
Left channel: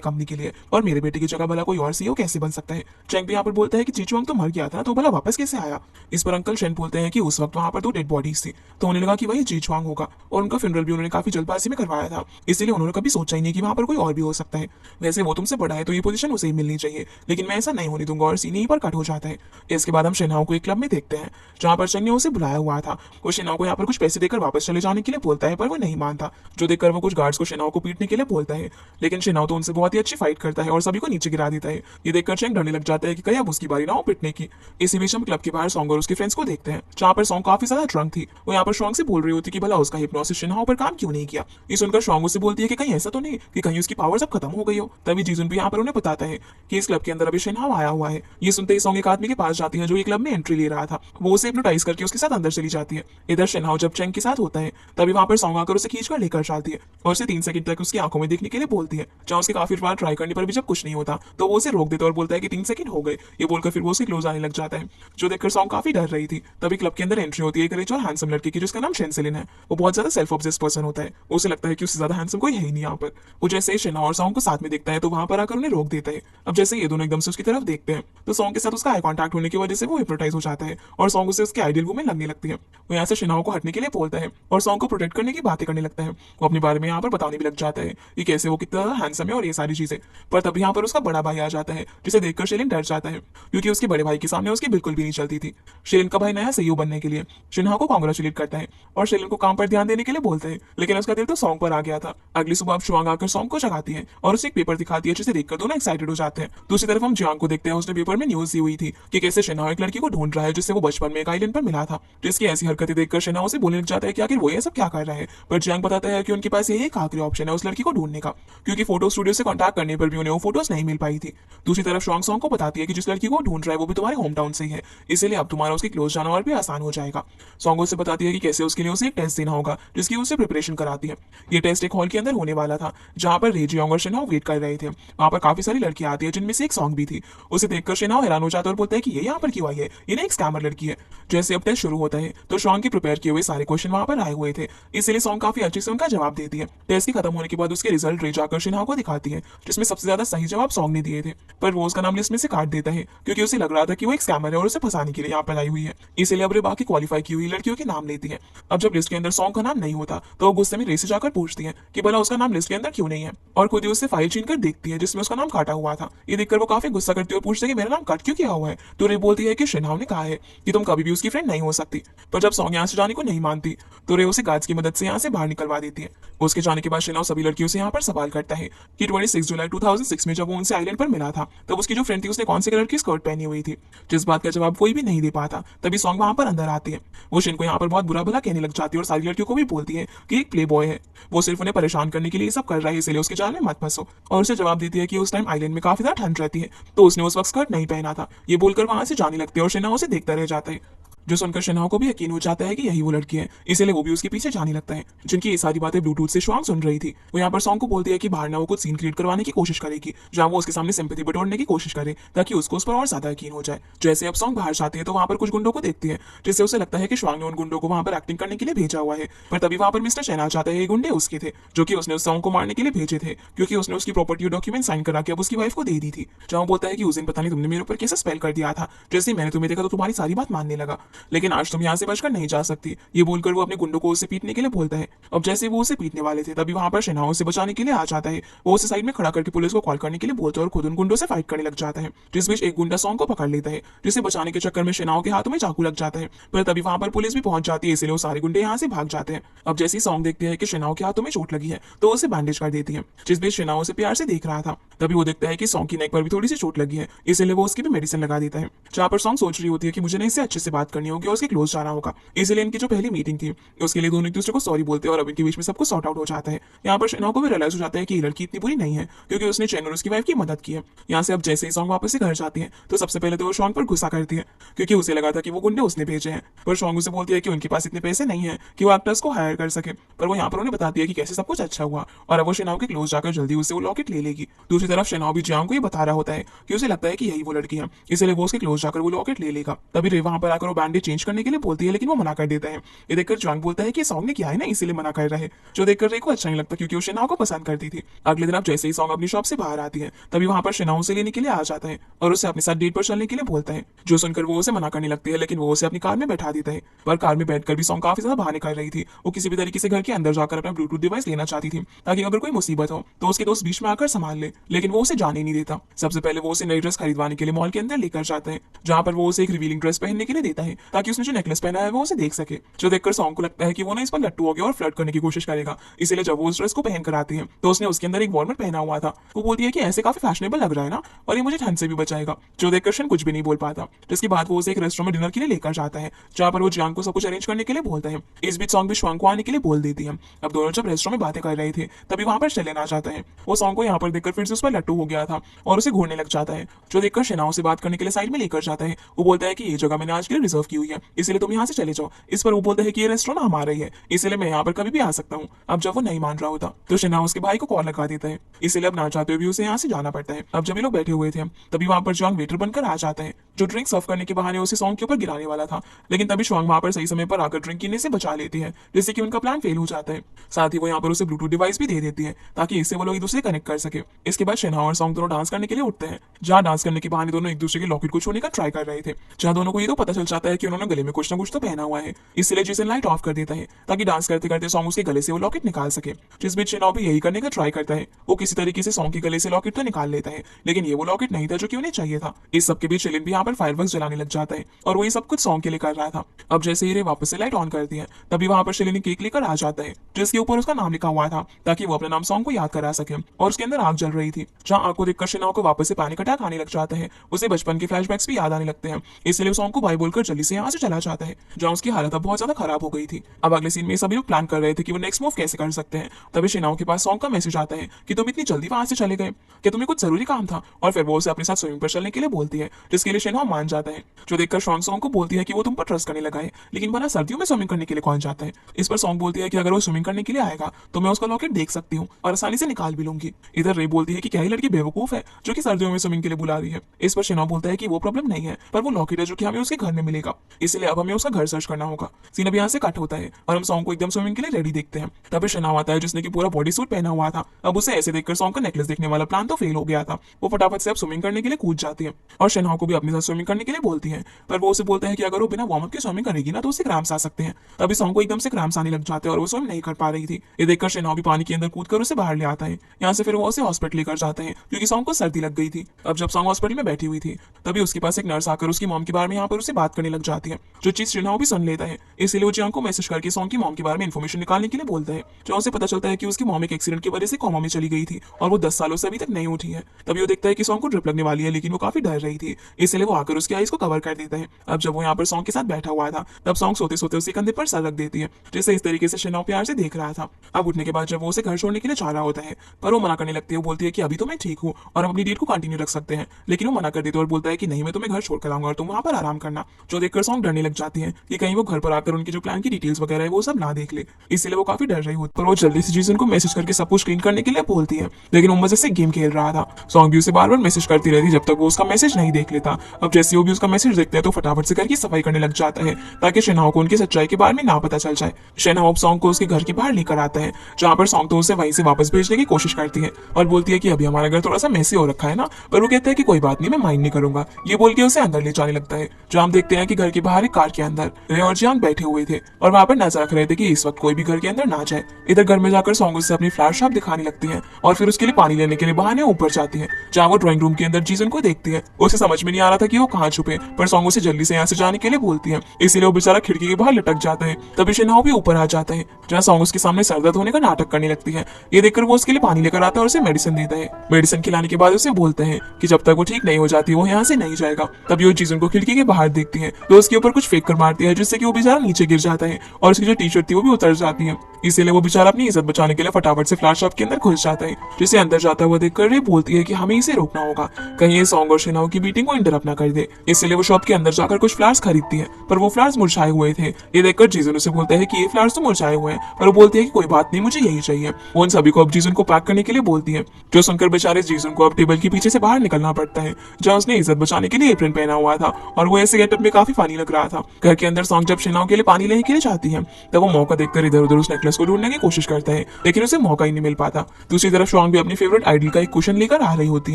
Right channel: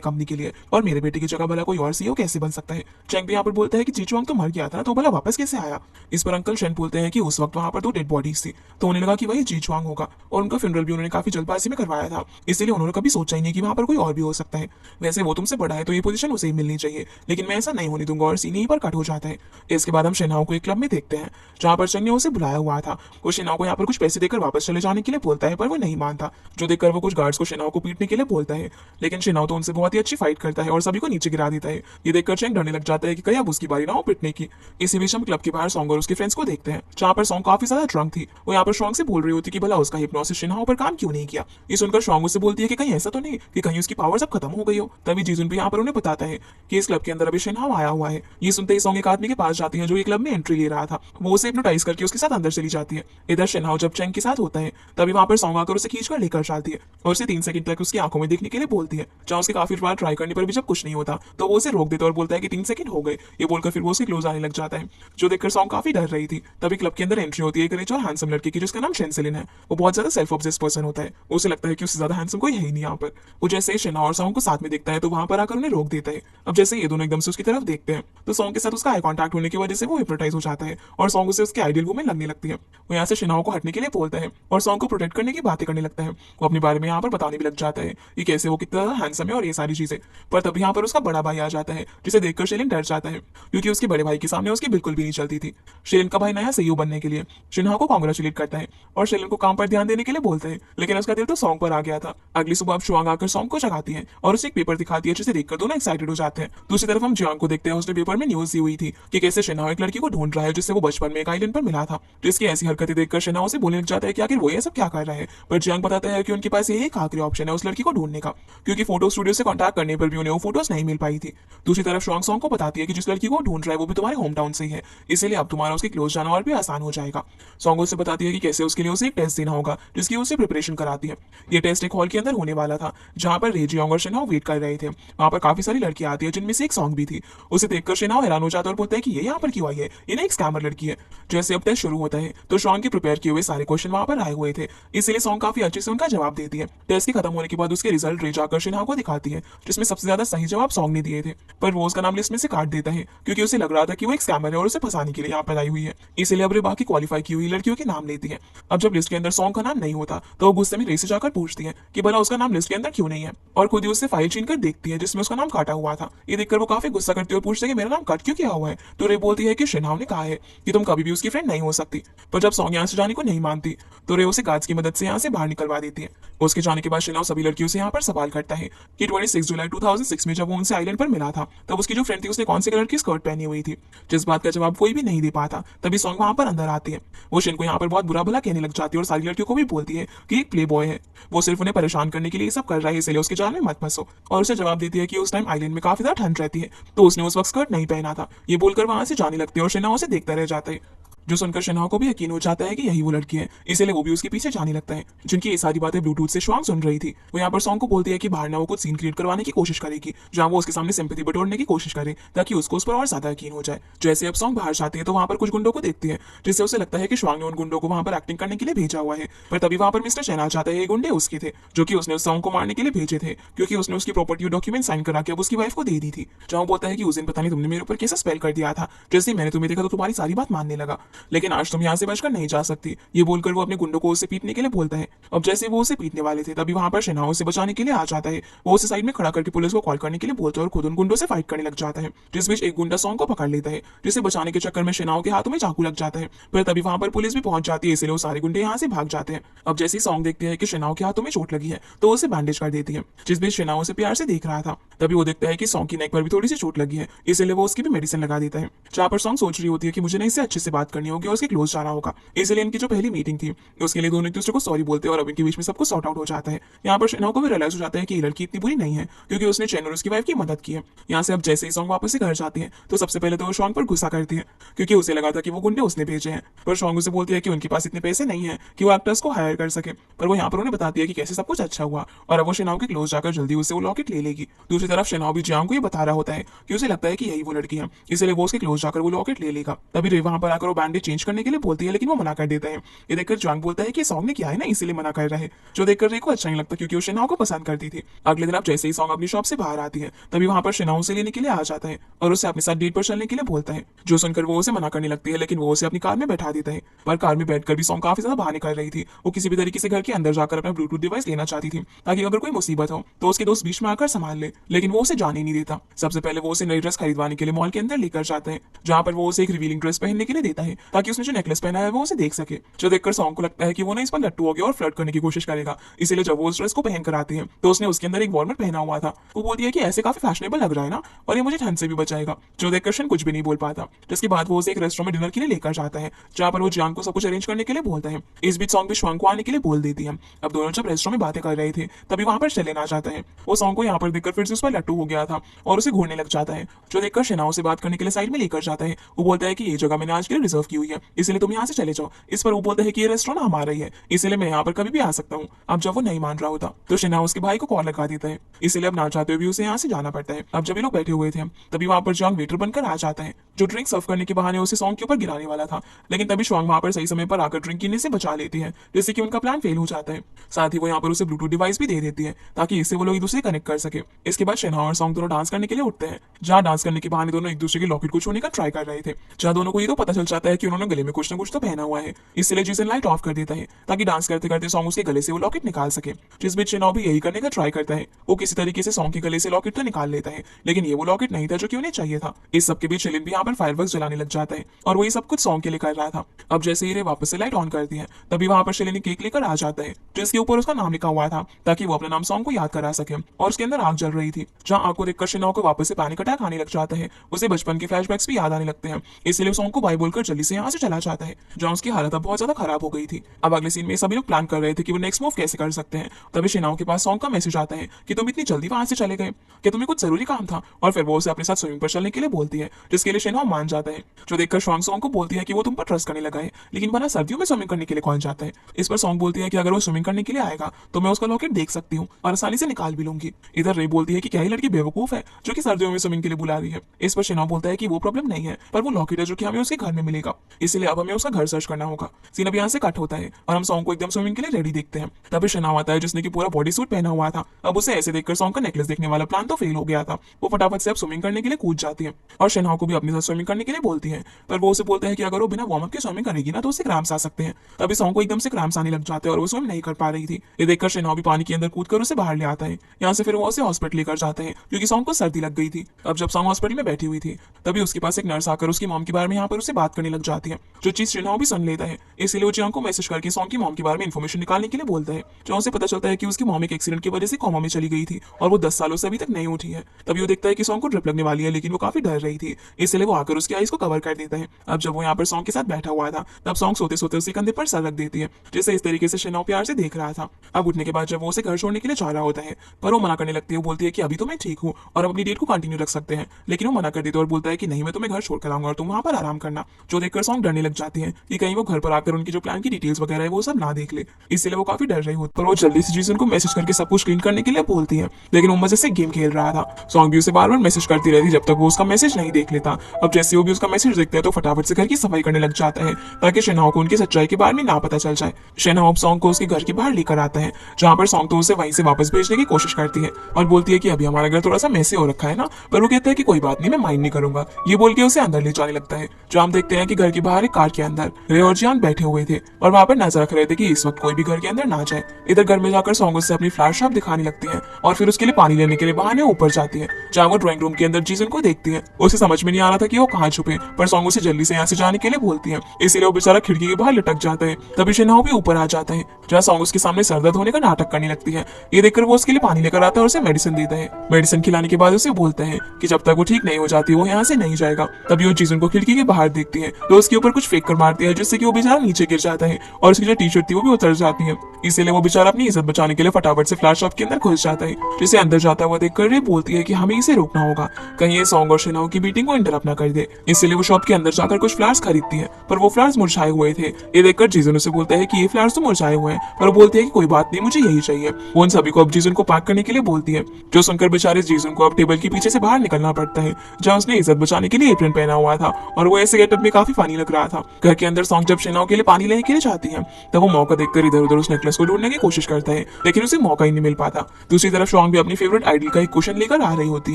कंपनी के लिए और मेरे बेटे की जगह भला कोई और सीईओ कैसे बन सकता है। चेंग भी यहाँ पर बोलता है कि जीचुआंग तो मर गया था तो भला वापस कैसे आया। इस पर अंकल शेन बोलते हैं कि उस वक्त वहां पर 2 डेड बॉडीज थी तो उन्हें लगा कि वही जीचुआंग होगा और उनका फ्यूनरल भी उन्होंने काफी जल्दबाजी में करवाया था, इसीलिए उन्होंने कभी सोचा ही नहीं कि वहां पर कोई और भी हो सकता है। वैसे वो तुमसे बड़ा है तो ये पोजीशन उसे ही मिलनी चाहिए, लेकिन मैं ऐसा नहीं होने दूंगा और सीन यहीं पर कट हो जाता है। इसके बाद हम शिनहाओ को एक क्लब में देखते हैं जहां पर चंग ने उसे बुलाया हुआ था। वो शिनहाओ को यहाँ पर कुछ पैसे देकर वापस चले जाने के लिए बोलता है पर वो नहीं मानता, जो देखकर वो कुछ गार्ड्स को शिनहाओ को पीटने के लिए बोलता है, लेकिन शिनहाओ तो उनसे बहुत ही अच्छी फाइट करता है और सभी को नीचे गिरा देता है। ये देखकर चंग डरने लग जाता है कि कहीं अब उसकी बारी ना हो पिटने की। इसी बीच हम क्लब के बाहर सॉन्ग और उसके फ्रेंड्स को देखते हैं जहाँ पर सॉन्ग काफी ज्यादा ड्रंक थी। वो यहाँ पर सॉन्ग से बोल रही होती कि भला उसका हिप्नोसिस शिनहाओ पर काम क्यों नहीं किया। ये सुनकर सॉन्ग उससे बोलती है कि कहीं ऐसा तो नहीं कि कहीं उसकी पावर सब खत्म हो गई हो। तभी जीजुन भी यहाँ पर उन्हें बताता है कि इस क्लब के अंदर अभी शिनहाओ आया हुआ है। ये सुनते ही सॉन्ग एक आदमी के पास जाती है जो ये क्लब में एंट्री ले रहा था। वो उसे हिप्नोटाइज करके उसके साथ अंदर चली जाती है। इधर शिनहाओ जब चेंग के साथ होता है तभी वहां पर सॉन्ग आकर उसे खींचकर लेकर जाती है और उसे 3 सेकंड तक उसकी आंखों में देखने के लिए बोलती है। जहाँ उसके काफी बार ट्राई करने पर भी जब कुछ नहीं होता तो वो उसे रोक देता है और बोलता है कि 3 सेकंड हो गए। ये बोलकर फिर वो उसके क्लोज आने लग जाता है, जो देखकर सॉन्ग काफी डर रही थी। तभी क्लब के अंदर एंट्री होती है एक रिच और हैंडसम लड़के की जिसका नाम शेनसेलिन है। वो बहुत ज्यादा सेल्फ ऑब्सेस्ड पर्सन होता है। उसे लगता है कि उससे ज्यादा हैंडसम कोई है ही नहीं यहाँ पर। वो जैसे ही शिनहाओ और सॉन्ग को साथ में देखता है तो वहां पर आकर उन्हें रोक देता है। अब जैसे ये दोनों एकदम से उसकी तरफ देखते हैं तो सॉन्ग के साथ उसका आई कॉन्टैक्ट होने की वजह से वो हिप्नोटाइज हो जाता है और सॉन्ग उसे उसके आइडियल वुमन लगने लगती है। वो यहाँ से शिनहाओ को हटने के लिए बोलता है और सॉन्ग को प्रोटेक्ट करने की बातें करने लगता है। वो अपने बारे में यहाँ पर बताने भी लग जाता है कि कैसे वो कितना ज्यादा हैंडसम है और ये सारी चीजें। पर तब यहाँ पर उसका बड़ा भाई आ जाता है जिसे देखकर शेलिन डर जाता है क्योंकि उसके बड़े भाई के सामने उसकी बिल्कुल भी नहीं चलती थी। शेलिन का भाई नया सीईओ बनने के लिए शिनहाओ को कांग्रेचुलेट करता है और शेलिन को काम पर ध्यान देने के लिए बोलता है, लेकिन उसका दिल तो सॉन्ग पर आ गया था। अगली सुबह अब शुआंग आकर सॉन्ग को जगाती है और उसे एक पेपर दिखाती है जिसे देखकर दोनों एक्साइटेड हो जाते हैं। दूसरी तरफ हम जियांग को देखते हैं, उसने पेपर में न्यूज दी हुई थी कि कैसे शिनहाओ एक लड़की को ढूंढ रहा है जिससे वो बचपन में एक आइलैंड पर मिला था। जिसकी ऐसी हरकतें देखकर शिनहाओ से बोलने लग जाता है कि आखिर वो ये सब क्या कर रहा है। पर जियांग बताता है कि उनके पास यही एक आखिरी ऑप्शन है उस लड़की को ढूंढने का, क्योंकि फोटो स्टूडियो से कॉन्टैक्ट करने पर भी उन्हें वो फोटोज नहीं मिल पाई थी। दूसरी तरफ शुआंग सॉन्ग को बताती है कि जिस लड़की को ढूंढ रहा है वो भी तुम्हारे होम टाउन से ही है, इसीलिए अब तुम्हारा उसके क्लोज जाना और भी आसान हो जाएगा। सॉन्ग उसे बताती है कि कैसे उसके लिए उसे एक टेस्ट देना होगा जिसकी उसे प्रिपरेशन कराती है। ये टेस्ट एक हॉल के अंदर होने वाला था जहां पर रे जियांग और शिनहाओ वेट कर रहे थे। वहां पर काफी सारी लड़कियां आती है जिनमें से एक सॉन्ग भी थी। उसे देखकर शिनहाओ हैरान हो जाता है और बोलता है कि ये यहाँ पर क्यों आई है, ये ना एक स्कैमर लड़की है। जैसे अब टेस्ट शुरू होता है तो सॉन्ग के प्रिपेयर किए हुए सारे क्वेश्चन वहां पर आए हुए थे, इसीलिए सॉन्ग काफी अच्छे से उनका जवाब देती है। टेस्ट के खत्म होने के बाद उसके रिजल्ट रे जाकर शिनहाओ को दिखाती है जिसमें सबसे ज्यादा सही जवाब सॉन्ग ने दिए थे। पर वो उसका नाम लिस्ट में से काट देता है क्योंकि उसे लग रहा था कि वो एक स्कैमर है और उसे फंसाने के लिए यहाँ पर आई हुई है, इसीलिए अब रे बाकी क्वालिफाई की हुई लड़कियों के नाम लेती है। अब जब लिस्ट के अंदर सॉन्ग का नाम नहीं होता तो वो गुस्से में रे से जाकर पूछती है कि भला उसका नाम लिस्ट के अंदर क्यों नहीं है, और खुद ही उससे फाइल छीन कर देखती है जिसमें उसका नाम काटा हुआ था। ये देखकर वो काफी गुस्सा करती है और पूछती है कि मेरा नाम कट क्यों किया हुआ है। तो रे बोलती है कि शिनहाओ ने कहा है कि तुम कभी भी उसकी फ्रेंड नहीं हो सकती। पर जब सॉन्ग यहाँ से जाने को नहीं मानती तो रे उसे गार्ड्स की मदद से यहाँ से बाहर निकलवा देती है। उसके जाने के बाद शिनहाओ सभी लड़कियों से यहाँ पर सवाल करता है कि 26 जुलाई 2006 में जब वो उनसे आइलैंड पर मिला था तब उसकी जो फ्रेंड थी उसने कौन से कलर की स्कर्ट पहनी हुई थी। जिस बात का जवाब कोई भी नहीं दे पाता तभी सॉन्ग वहां पर अंदर आती है। वो शिन को यहाँ पर बहुत बुरा भला कहने लग जाती है और सारी लड़कियों को भी बोलती है कि एक प्ले बॉय है, वो सिर्फ उन्हें परेशान करने के लिए सब कर रहा है, इसलिए उसके जाल में मत फंसो। और उसे जवाब देती है कि उस टाइम आइलैंड में काफी ज्यादा ठंड रहती है तो उसने उस वक्त स्कर्ट नहीं पहना था। ये बोलकर वहां से जाने लगती है और शिनहाओ उसे देखता रह जाता है, जो सुनकर शिनहाओ को भी यकीन हो जाता है कि यही वो लड़की है, इसीलिए वो भी उसके पीछे जाने लगता है। जिनकी ये सारी बातें ब्लूटूथ से शुआंग सुन रही थी। वो यहाँ पर सॉन्ग को बोलती है कि बाहर ना वो कुछ सीन क्रिएट करवाने की कोशिश करेगी जहाँ वो उसके सामने सिंपैथी बटोरने की कोशिश करे ताकि उसको उस पर और ज्यादा यकीन हो जाए। जैसे अब सॉन्ग बाहर जाती है तो वहाँ पर कुछ गुंडों को देखती है जिससे उसे लगता है कि शुआंग ने उन गुंडों को वहाँ पर एक्टिंग करने के लिए भेजा हुआ है। पर तभी वहाँ पर मिस्टर चैन आ जाता है। ये गुंडे उसके थे जो कि उसने उस सॉन्ग को मारने के लिए भेजे थे क्योंकि उसने उसकी प्रॉपर्टी डॉक्यूमेंट साइन करा के अब उसकी वाइफ को दे दी थी। जहाँ बोलता है कि उस दिन पता नहीं तुमने मेरे ऊपर कैसे स्पेल कर दिया था, जैसे मैंने तुम्हें देखा तो तुम्हारी सारी बात मानने लगा, लेकिन आज तुम यहाँ से बचकर नहीं जा सकती। ये बोलकर वो अपने गुंडों को उसे पीटने के लिए बोलता है। अब जैसे वो उसे पीटने वाले थे तभी वहां पर शिनहाओ उसे बचाने के लिए आ जाता है। वो उसे साइड में खड़ा करके पुलिस को कॉल करने के लिए बोलता है और खुद उन गुंडों से फाइट करने लग जाता है। जिस बीच एक गुंडा सॉन्ग को पकड़ लेता है जिसे बचाने के चक्कर में शिनहाओ के हाथों में चाकू लग जाता है। पर तभी वहां पर पुलिस भी पहुंच जाती है, इसलिए वो सारे गुंडे यहाँ से भाग जाते हैं। अब जैसे ही सॉन्ग देखते हैं कि शिनहाओ के हाथों में चोट लगी है तो उसे बैंडेज कर देती है। जिस बीच शिनहाओ उसे प्यार से देख रहा था तभी वो देखता है कि सॉन्ग की नेक पर भी थोड़ी सी चोट लगी है, इसलिए वो उसकी भी मेडिसिन लगा देता है। जहाँ पर सॉन्ग सोच रही होती है कि मुझे नहीं इससे अच्छे से बात करनी होगी और उसके क्लोज जाना होगा। इसलिए इनकी जो पहली मीटिंग थी उसके लिए दोनों एक दूसरे को सॉरी बोलते हैं और अब इनके बीच में सब कुछ सॉर्ट आउट हो जाता है। यहाँ पर शेनाओ को भी रियलाइज हो जाता है कि ये लड़की इतनी बुरी नहीं है क्योंकि उसने चैन और उसकी वाइफ की मदद की है। यहाँ से अब जैसे ही सॉन्ग वापस से घर जाती है तो सबसे पहले तो वो शॉन्ग पर गुस्सा करती है क्योंकि उसे लगा था कि वो गुंडे उसने भेजे हैं, पर शॉन्ग उसे बोलती है कि उनके पास इतने पैसे नहीं है कि वो एक्टर्स को हायर कर सके। पर वो यहाँ पर उन्हें बताती है कि कैसे सब कुछ अच्छा हुआ और अब वो शेनाओ के क्लोज जाकर जल्दी उससे वो लॉकेट ले लेगी। दूसरी तरफ शेनाओ भी जियांग को ये बता रहा होता है कि उसे लगता है कि यही वो लड़की है, इसलिए वो उसके क्लोज जाकर वो लॉकेट ले लेगा। तभी रे वहां पर आकर वो बैंडेज चेंज करने के लिए बोलती है लेकिन वो मना कर देता है। ये देखकर जियांग बोलता है कि सॉन्ग ने किया है ना इसीलिए मना कर रहा है, जो देखकर रे को अच्छा नहीं लगता क्योंकि वो शेनाओ को पसंद करती थी। अगले दिन अब जैसे ही सॉन्ग अपनी शॉप से बाहर आती है तभी वहां पर शेनाओ से लेने के लिए आ जाता है और उसे अपने साथ डेट पर चलने के लिए बोलता है, जो सुनकर वो उसे मना करने लगती है लेकिन वो उसे अपनी कार में बैठा देता है। पर कार में बैठकर भी सॉन्ग काफी ज्यादा बाहर निकल रही थी। वो किसी भी तरीके से घर के अंदर जाकर अपना ब्लूटूथ डिवाइस लेना चाहती थी ताकि अगर कोई मुसीबत हो तो उसके दोस्त बीच में आकर संभाल ले, लेकिन वो उसे जाने ही नहीं देता। सबसे पहले वो उसे नई ड्रेस खरीदवाने के लिए मॉल के अंदर लेकर जाता है जहां पर वो उसे एक रिवीलिंग ड्रेस पहनने के लिए देता है ताकि उसने जो नेकलेस पहना है वो उसे देख सके। जो देखकर सॉन्ग को लगता है कि वो ना इस पर लट्टू हो गया और फ्लर्ट करने की कोशिश करेगा, इसीलिए जब वो उस ड्रेस को पहन कर आती है तो उसने उसके अंदर एक वॉर्मर पहना हुआ था। वो बोलती है कि ऐसे काफी फैशनेबल लग रहा है ना और ये मुझे ठंड से भी बचाएगा। जो देखकर शन कुछ भी नहीं बोल पाता, जिसके बाद वो उसे एक रेस्टोरेंट में डिनर के लिए लेकर जाता है जहां पर वो जियांग को सब कुछ अरेंज करने के लिए बोलता है। इस बीच सॉन्ग भी श्वांग को आने के लिए बोल देती है। अब दोनों जब रेस्टोरेंट में बातें कर रहे थे तभी वहां पर चले आ जाता है। वो सॉन्ग को यहाँ पर देखकर फिर से उस पर लट्टू हो गया था और उसे घूरने लग जाता है, जो देखकर शेनाओ से बात करने के लिए साइड में लेकर जाता है। वो बोलता है कि ये जगह मैंने आज के लिए रिजर्व की हुई है इसलिए तुम यहाँ से चले जाओ। इस पर वो बोलता है कि ये रेस्टोरेंट हमारा ही है इसलिए मैं यहाँ पर कभी भी आ सकता हूँ। अब जब वो नहीं मान रहा होता तो शेनाओ उसके भाई को कॉल लगा देता है, इसलिए अब ना चाहते हुए भी उसे यहाँ से जाना पड़ता है। अब जब ये लोग बैठे हुए थे तभी वहां पर जियांग वेटर बनकर आ जाता है, जो ड्रिंक सर्व करने के बहाने उसे सॉन्ग के ऊपर गिराने वाला था, लेकिन तभी श्वांग वहां पर सही समय पर आकर ड्रिंक गिरने से बचा लेती है जिससे कि उनका प्लान फेल हो जाता है। साथ ही वो यहाँ पर उसे ब्लूटूथ डिवाइस भी दे देती है ताकि इससे वो लोग एक दूसरे कनेक्ट कर सके। इसके बाद शेना और सॉन्ग दोनों डांस करने के लिए उठते हैं, जहाँ डांस करने के बहाने दोनों एक दूसरे की लॉकेट को छूने का ट्राई कर रहे थे, जहाँ दोनों को ये तो पता चल जाता है कि उन्होंने गले में कुछ ना कुछ तो पहना हुआ है, इसलिए जिसे लाइट ऑफ कर देता है ताकि डांस करते करते सॉन्ग उसके गले से वो लॉकेट निकाल सके। जिस बीच शेना भी यही करने का ट्राई करता है, वो किसी तरीके से सॉन्ग के गले से लॉकेट तो निकाल लेता है लेकिन ये वो लॉकेट नहीं था जो कि उन्हें चाहिए था। इस सबके बीच शिलिन भी यहाँ पर फायरवर्क्स जलाने लग जाता है और वो ये सब कुछ सॉन्ग के लिए कर रहा था। अब जैसे ही रे वापस से लाइट ऑन करती है तभी वहां पर शिलिन केक लेकर आ जाता है जिसके ऊपर उसका नाम लिखा हुआ था ताकि वो अपने नाम सॉन्ग को याद करा सके, और उसके अंदर आग जल रही थी। जहाँ आग को देखकर शेनाओ को वापस से पैनिक अटैक आने लग जाता है, उसे बचपन के फ्लैशबैक्स भी याद आने लगते हैं, इसलिए सॉन्ग को बाय बोलकर जल्दी से यहाँ से चला जाता है जहाँ उसकी हालत अब बहुत ज्यादा खराब हो गई थी। अब अगले सीन में सभी लोग प्लान कर रहे थे कि वो नेक्स्ट मूव कैसे कर सकते हैं। तभी शेनाओ के पास सॉन्ग का मैसेज आता है कि तुम इतनी जल्दी वहां से चले गए, क्या तुम्हें कुछ जरूरी काम था, और फिर वो उसे अपने साथ स्विमिंग पर चलने के लिए बोलती है जिसके लिए शेनाओ मान जाता है। जो देखकर श्वांग सॉन्ग को बोलती है कि वो तुम पर ट्रस्ट करने लगा है लेकिन बना सर्दियों में स्विमिंग करने के लिए कौन जाता है। इस पर सॉन्ग बोलती है कि अगर वो स्विमिंग करने के लिए आएगा तो मैं उसका लॉकेट देख सकती हूँ और आसानी से निकाल भी लूंगी। इधर रे बोलती है कि क्या ही लड़की बेवकूफ है जो कि सर्दियों में स्विमिंग के लिए बुला रही है। इस पर शेनाओ बोलता है कि वो प्रॉब्लम नहीं है पर वो लॉकेट है जो कि हमें उसके घर में मिलेगा, इसलिए अब हमें उसका घर सर्च करना होगा। सीन अब यहाँ से कट होता है और हम सॉन्ग को एकदम स्विमिंग के लिए रेडी देखते हैं। तभी शेनाओ आता है जिसने की पूरा बॉडी सूट पहना हुआ था। अब उसे ऐसे देखकर सॉन्ग का नेकलेस देखने वाला प्लान तो फेल हो गया था। वो फटाफट से अब स्विमिंग करने के लिए कूद जाती है और शेनाओ को भी अपने साथ स्विमिंग करने के लिए बोलती है, पर वो उसे बोलता है कि अगर वो बिना वार्म अप के स्विमिंग करेगी ना तो उसे क्रैम्प्स आ सकते हैं। तभी सॉन्ग को एकदम से क्रैम्प्स आने लग जाते हैं और वो स्विम नहीं कर पा रही थी। ये देखकर शेनाओ भी पानी के अंदर कूदकर उसे बाहर ले आता है। यहाँ से फिर वो उसे हॉस्पिटल लेकर जाते हैं क्योंकि सॉन्ग को सर्दी लग गई थी। अब जब सॉन्ग हॉस्पिटल में बैठी हुई थी तभी उसके पास एक नर्स आकर उसकी मॉम के बारे में यहाँ पर उसे बात करने लग जाती है, जो चीज शेनाओ भी सुन लेता है। इसलिए वो जियांग को मैसेज करके सॉन्ग की मॉम के बारे में इन्फॉर्मेशन निकालने के लिए बोलता है, जो उसे पता चलता है कि उसकी मॉम एक एक्सीडेंट की वजह से कोमा में चली गई थी और वो 10 सालों से अभी तक नहीं उठी है। तभी वो देखता है कि सॉन्ग को ड्रिप लगने वाली है लेकिन वो काफी डर रही थी, इसलिए वो आकर उसकी आईज को कवर कर देता है। अब जब वो यहाँ पर सॉन्ग के साथ बैठा हुआ था तब सॉन्ग सोते सोते उसके कंधे पर सर रख देती है, जैसे इस तरीके से शेनाओ प्यार से देख रहा था। अब उठने के बाद जब वो उसे घर छोड़ने के लिए जा रहा होता है पर वो मना करने लगती है। वो बोलती है कि अभी तो मैं ठीक हूँ और हम अपनी डेट को कंटिन्यू रख सकते हैं, लेकिन वो मना कर देती है और बोलता है कि नहीं मैं तुम्हें घर छोड़कर आऊंगा और तुम वहां पर आराम करना। जो देखकर सॉन्ग डरने लग जाती है कि कहीं वो घर पर आकर उनकी जो प्लान की डिटेल्स वगैरह है वो सब ना देख ले, इसलिए वो काफी डर रही होती है। पर वो जल्दी से जीसन को मैसेज करके सब कुछ क्लीन करने के लिए बोलती है, लेकिन वो मजे से गेम खेल रहा था। सॉन्ग भी उसे बार बार मैसेज करती रहती जब तक वो उसका मैसेज नहीं देख लेता। अब जैसे वो भी उसका मैसेज देखते हैं तो फटाफट से घर की सफाई करने लग जाता है ताकि शेनाओ को उनकी सच्चाई के बारे में ना पता चल जाए। शेनाओ सॉन्ग को उसके घर के बाहर लेकर आता है जहाँ पर सॉन्ग तो उसे वहीं से वापस भेजने की कोशिश करती है और बोलती है कि अभी हमारा घर थोड़ा सा मैसी हो रखा है ना, पर वो कहता है कि कोई बात नहीं मैं माइंड नहीं करूंगा। ये बोल के उसे अंदर ले जाने लगता है जहाँ हम देखते हैं कि घर के बाहर एक कार के अंदर रे और जियांग बैठे हुए थे और वहां पर नजर रख रहे थे कि इस वक्त कोई भी घर के अंदर ना जाए। इधर घर में जाकर सॉन्ग उससे अपनी फ्लैश शॉप दिखाने लगती है और फिर उसके लिए पानी लेने के लिए बहाने ऊपर जाती है जहाँ वो ड्राइंग रूम के अंदर जीसन को देखती है। उसे समझ में नहीं आ रहा था कि वो कहाँ छुपे, पर सॉन्ग उसे जल्दी से यहाँ से जाने के लिए बोलती है, इसलिए वो बेचारा खिड़की के बाहर लटक जाता है। तभी शेनाओ भी ऊपर आ जाता है जहाँ सॉन्ग उसके सामने सर दर्द होने का नाटक करने लगती है। ये देखकर वो उसके लिए पानी लेकर आता है और उसे मेडिसिन देता है। मेडिसिन खिलाने के बाद उसे बोलते हैं कि जब तक वो ठीक नहीं हो जाती वो यहाँ से नहीं जाएगा। तभी वो जीसन को खिड़की के बाहर देखती है तो उसके ऊपर कुछ फेंक कर मारती है, जिससे कि वो बेचारा नीचे गिर जाता है और उसकी जो टी शर्ट थी वो भी उतर जाती है। इसीलिए वो बेचारा अपनी इज्जत बचाने के लिए फटाफट से फ्लावर शॉप के अंदर घुस जाता है, जिसे अंदर जाता हुआ देखकर रे बोलती है कि हमें इसे रोकना होगा, कहीं ये सॉन्ग और शिनाओ की मीटिंग को इंटरप्ट न कर दे। इसलिए वो शॉप के अंदर जाकर कुछ फ्लावर्स खरीदती है, पर वो फ्लावर्स मुरझाए हुए थे। ये देखकर जीजन उसे बोलते हैं कि ये फ्लावर्स तो मुरझाए हुए हैं, पर वो बोलती है कि कोई बात नहीं, मुझे यही चाहिए। वो उन सभी को अब जीजन को पैक करने के लिए बोलती है, जो सुनकर बेचारे जीजन को अब टेबल के पीछे से बाहर निकलना पड़ता है, जहाँ उसने इज्जत बचाने के लिए एप्रन पहना हुआ था और वो ऐसे गेटअप में काफी फनी लग रहा था। घर के अंदर सॉन्ग जब शिनाओ के लिए पानी लेने के लिए जाती है, तब वो मौका देखकर इधर उधर उस नेकलेस को ढूंढने की कोशिश करता है, लेकिन उसे मौका ही नहीं मिल पाता। दूसरी तरफ शॉन्ग भी अपनी फेवरेट आइडल का एक क्वेश्चन लेकर आ रही होती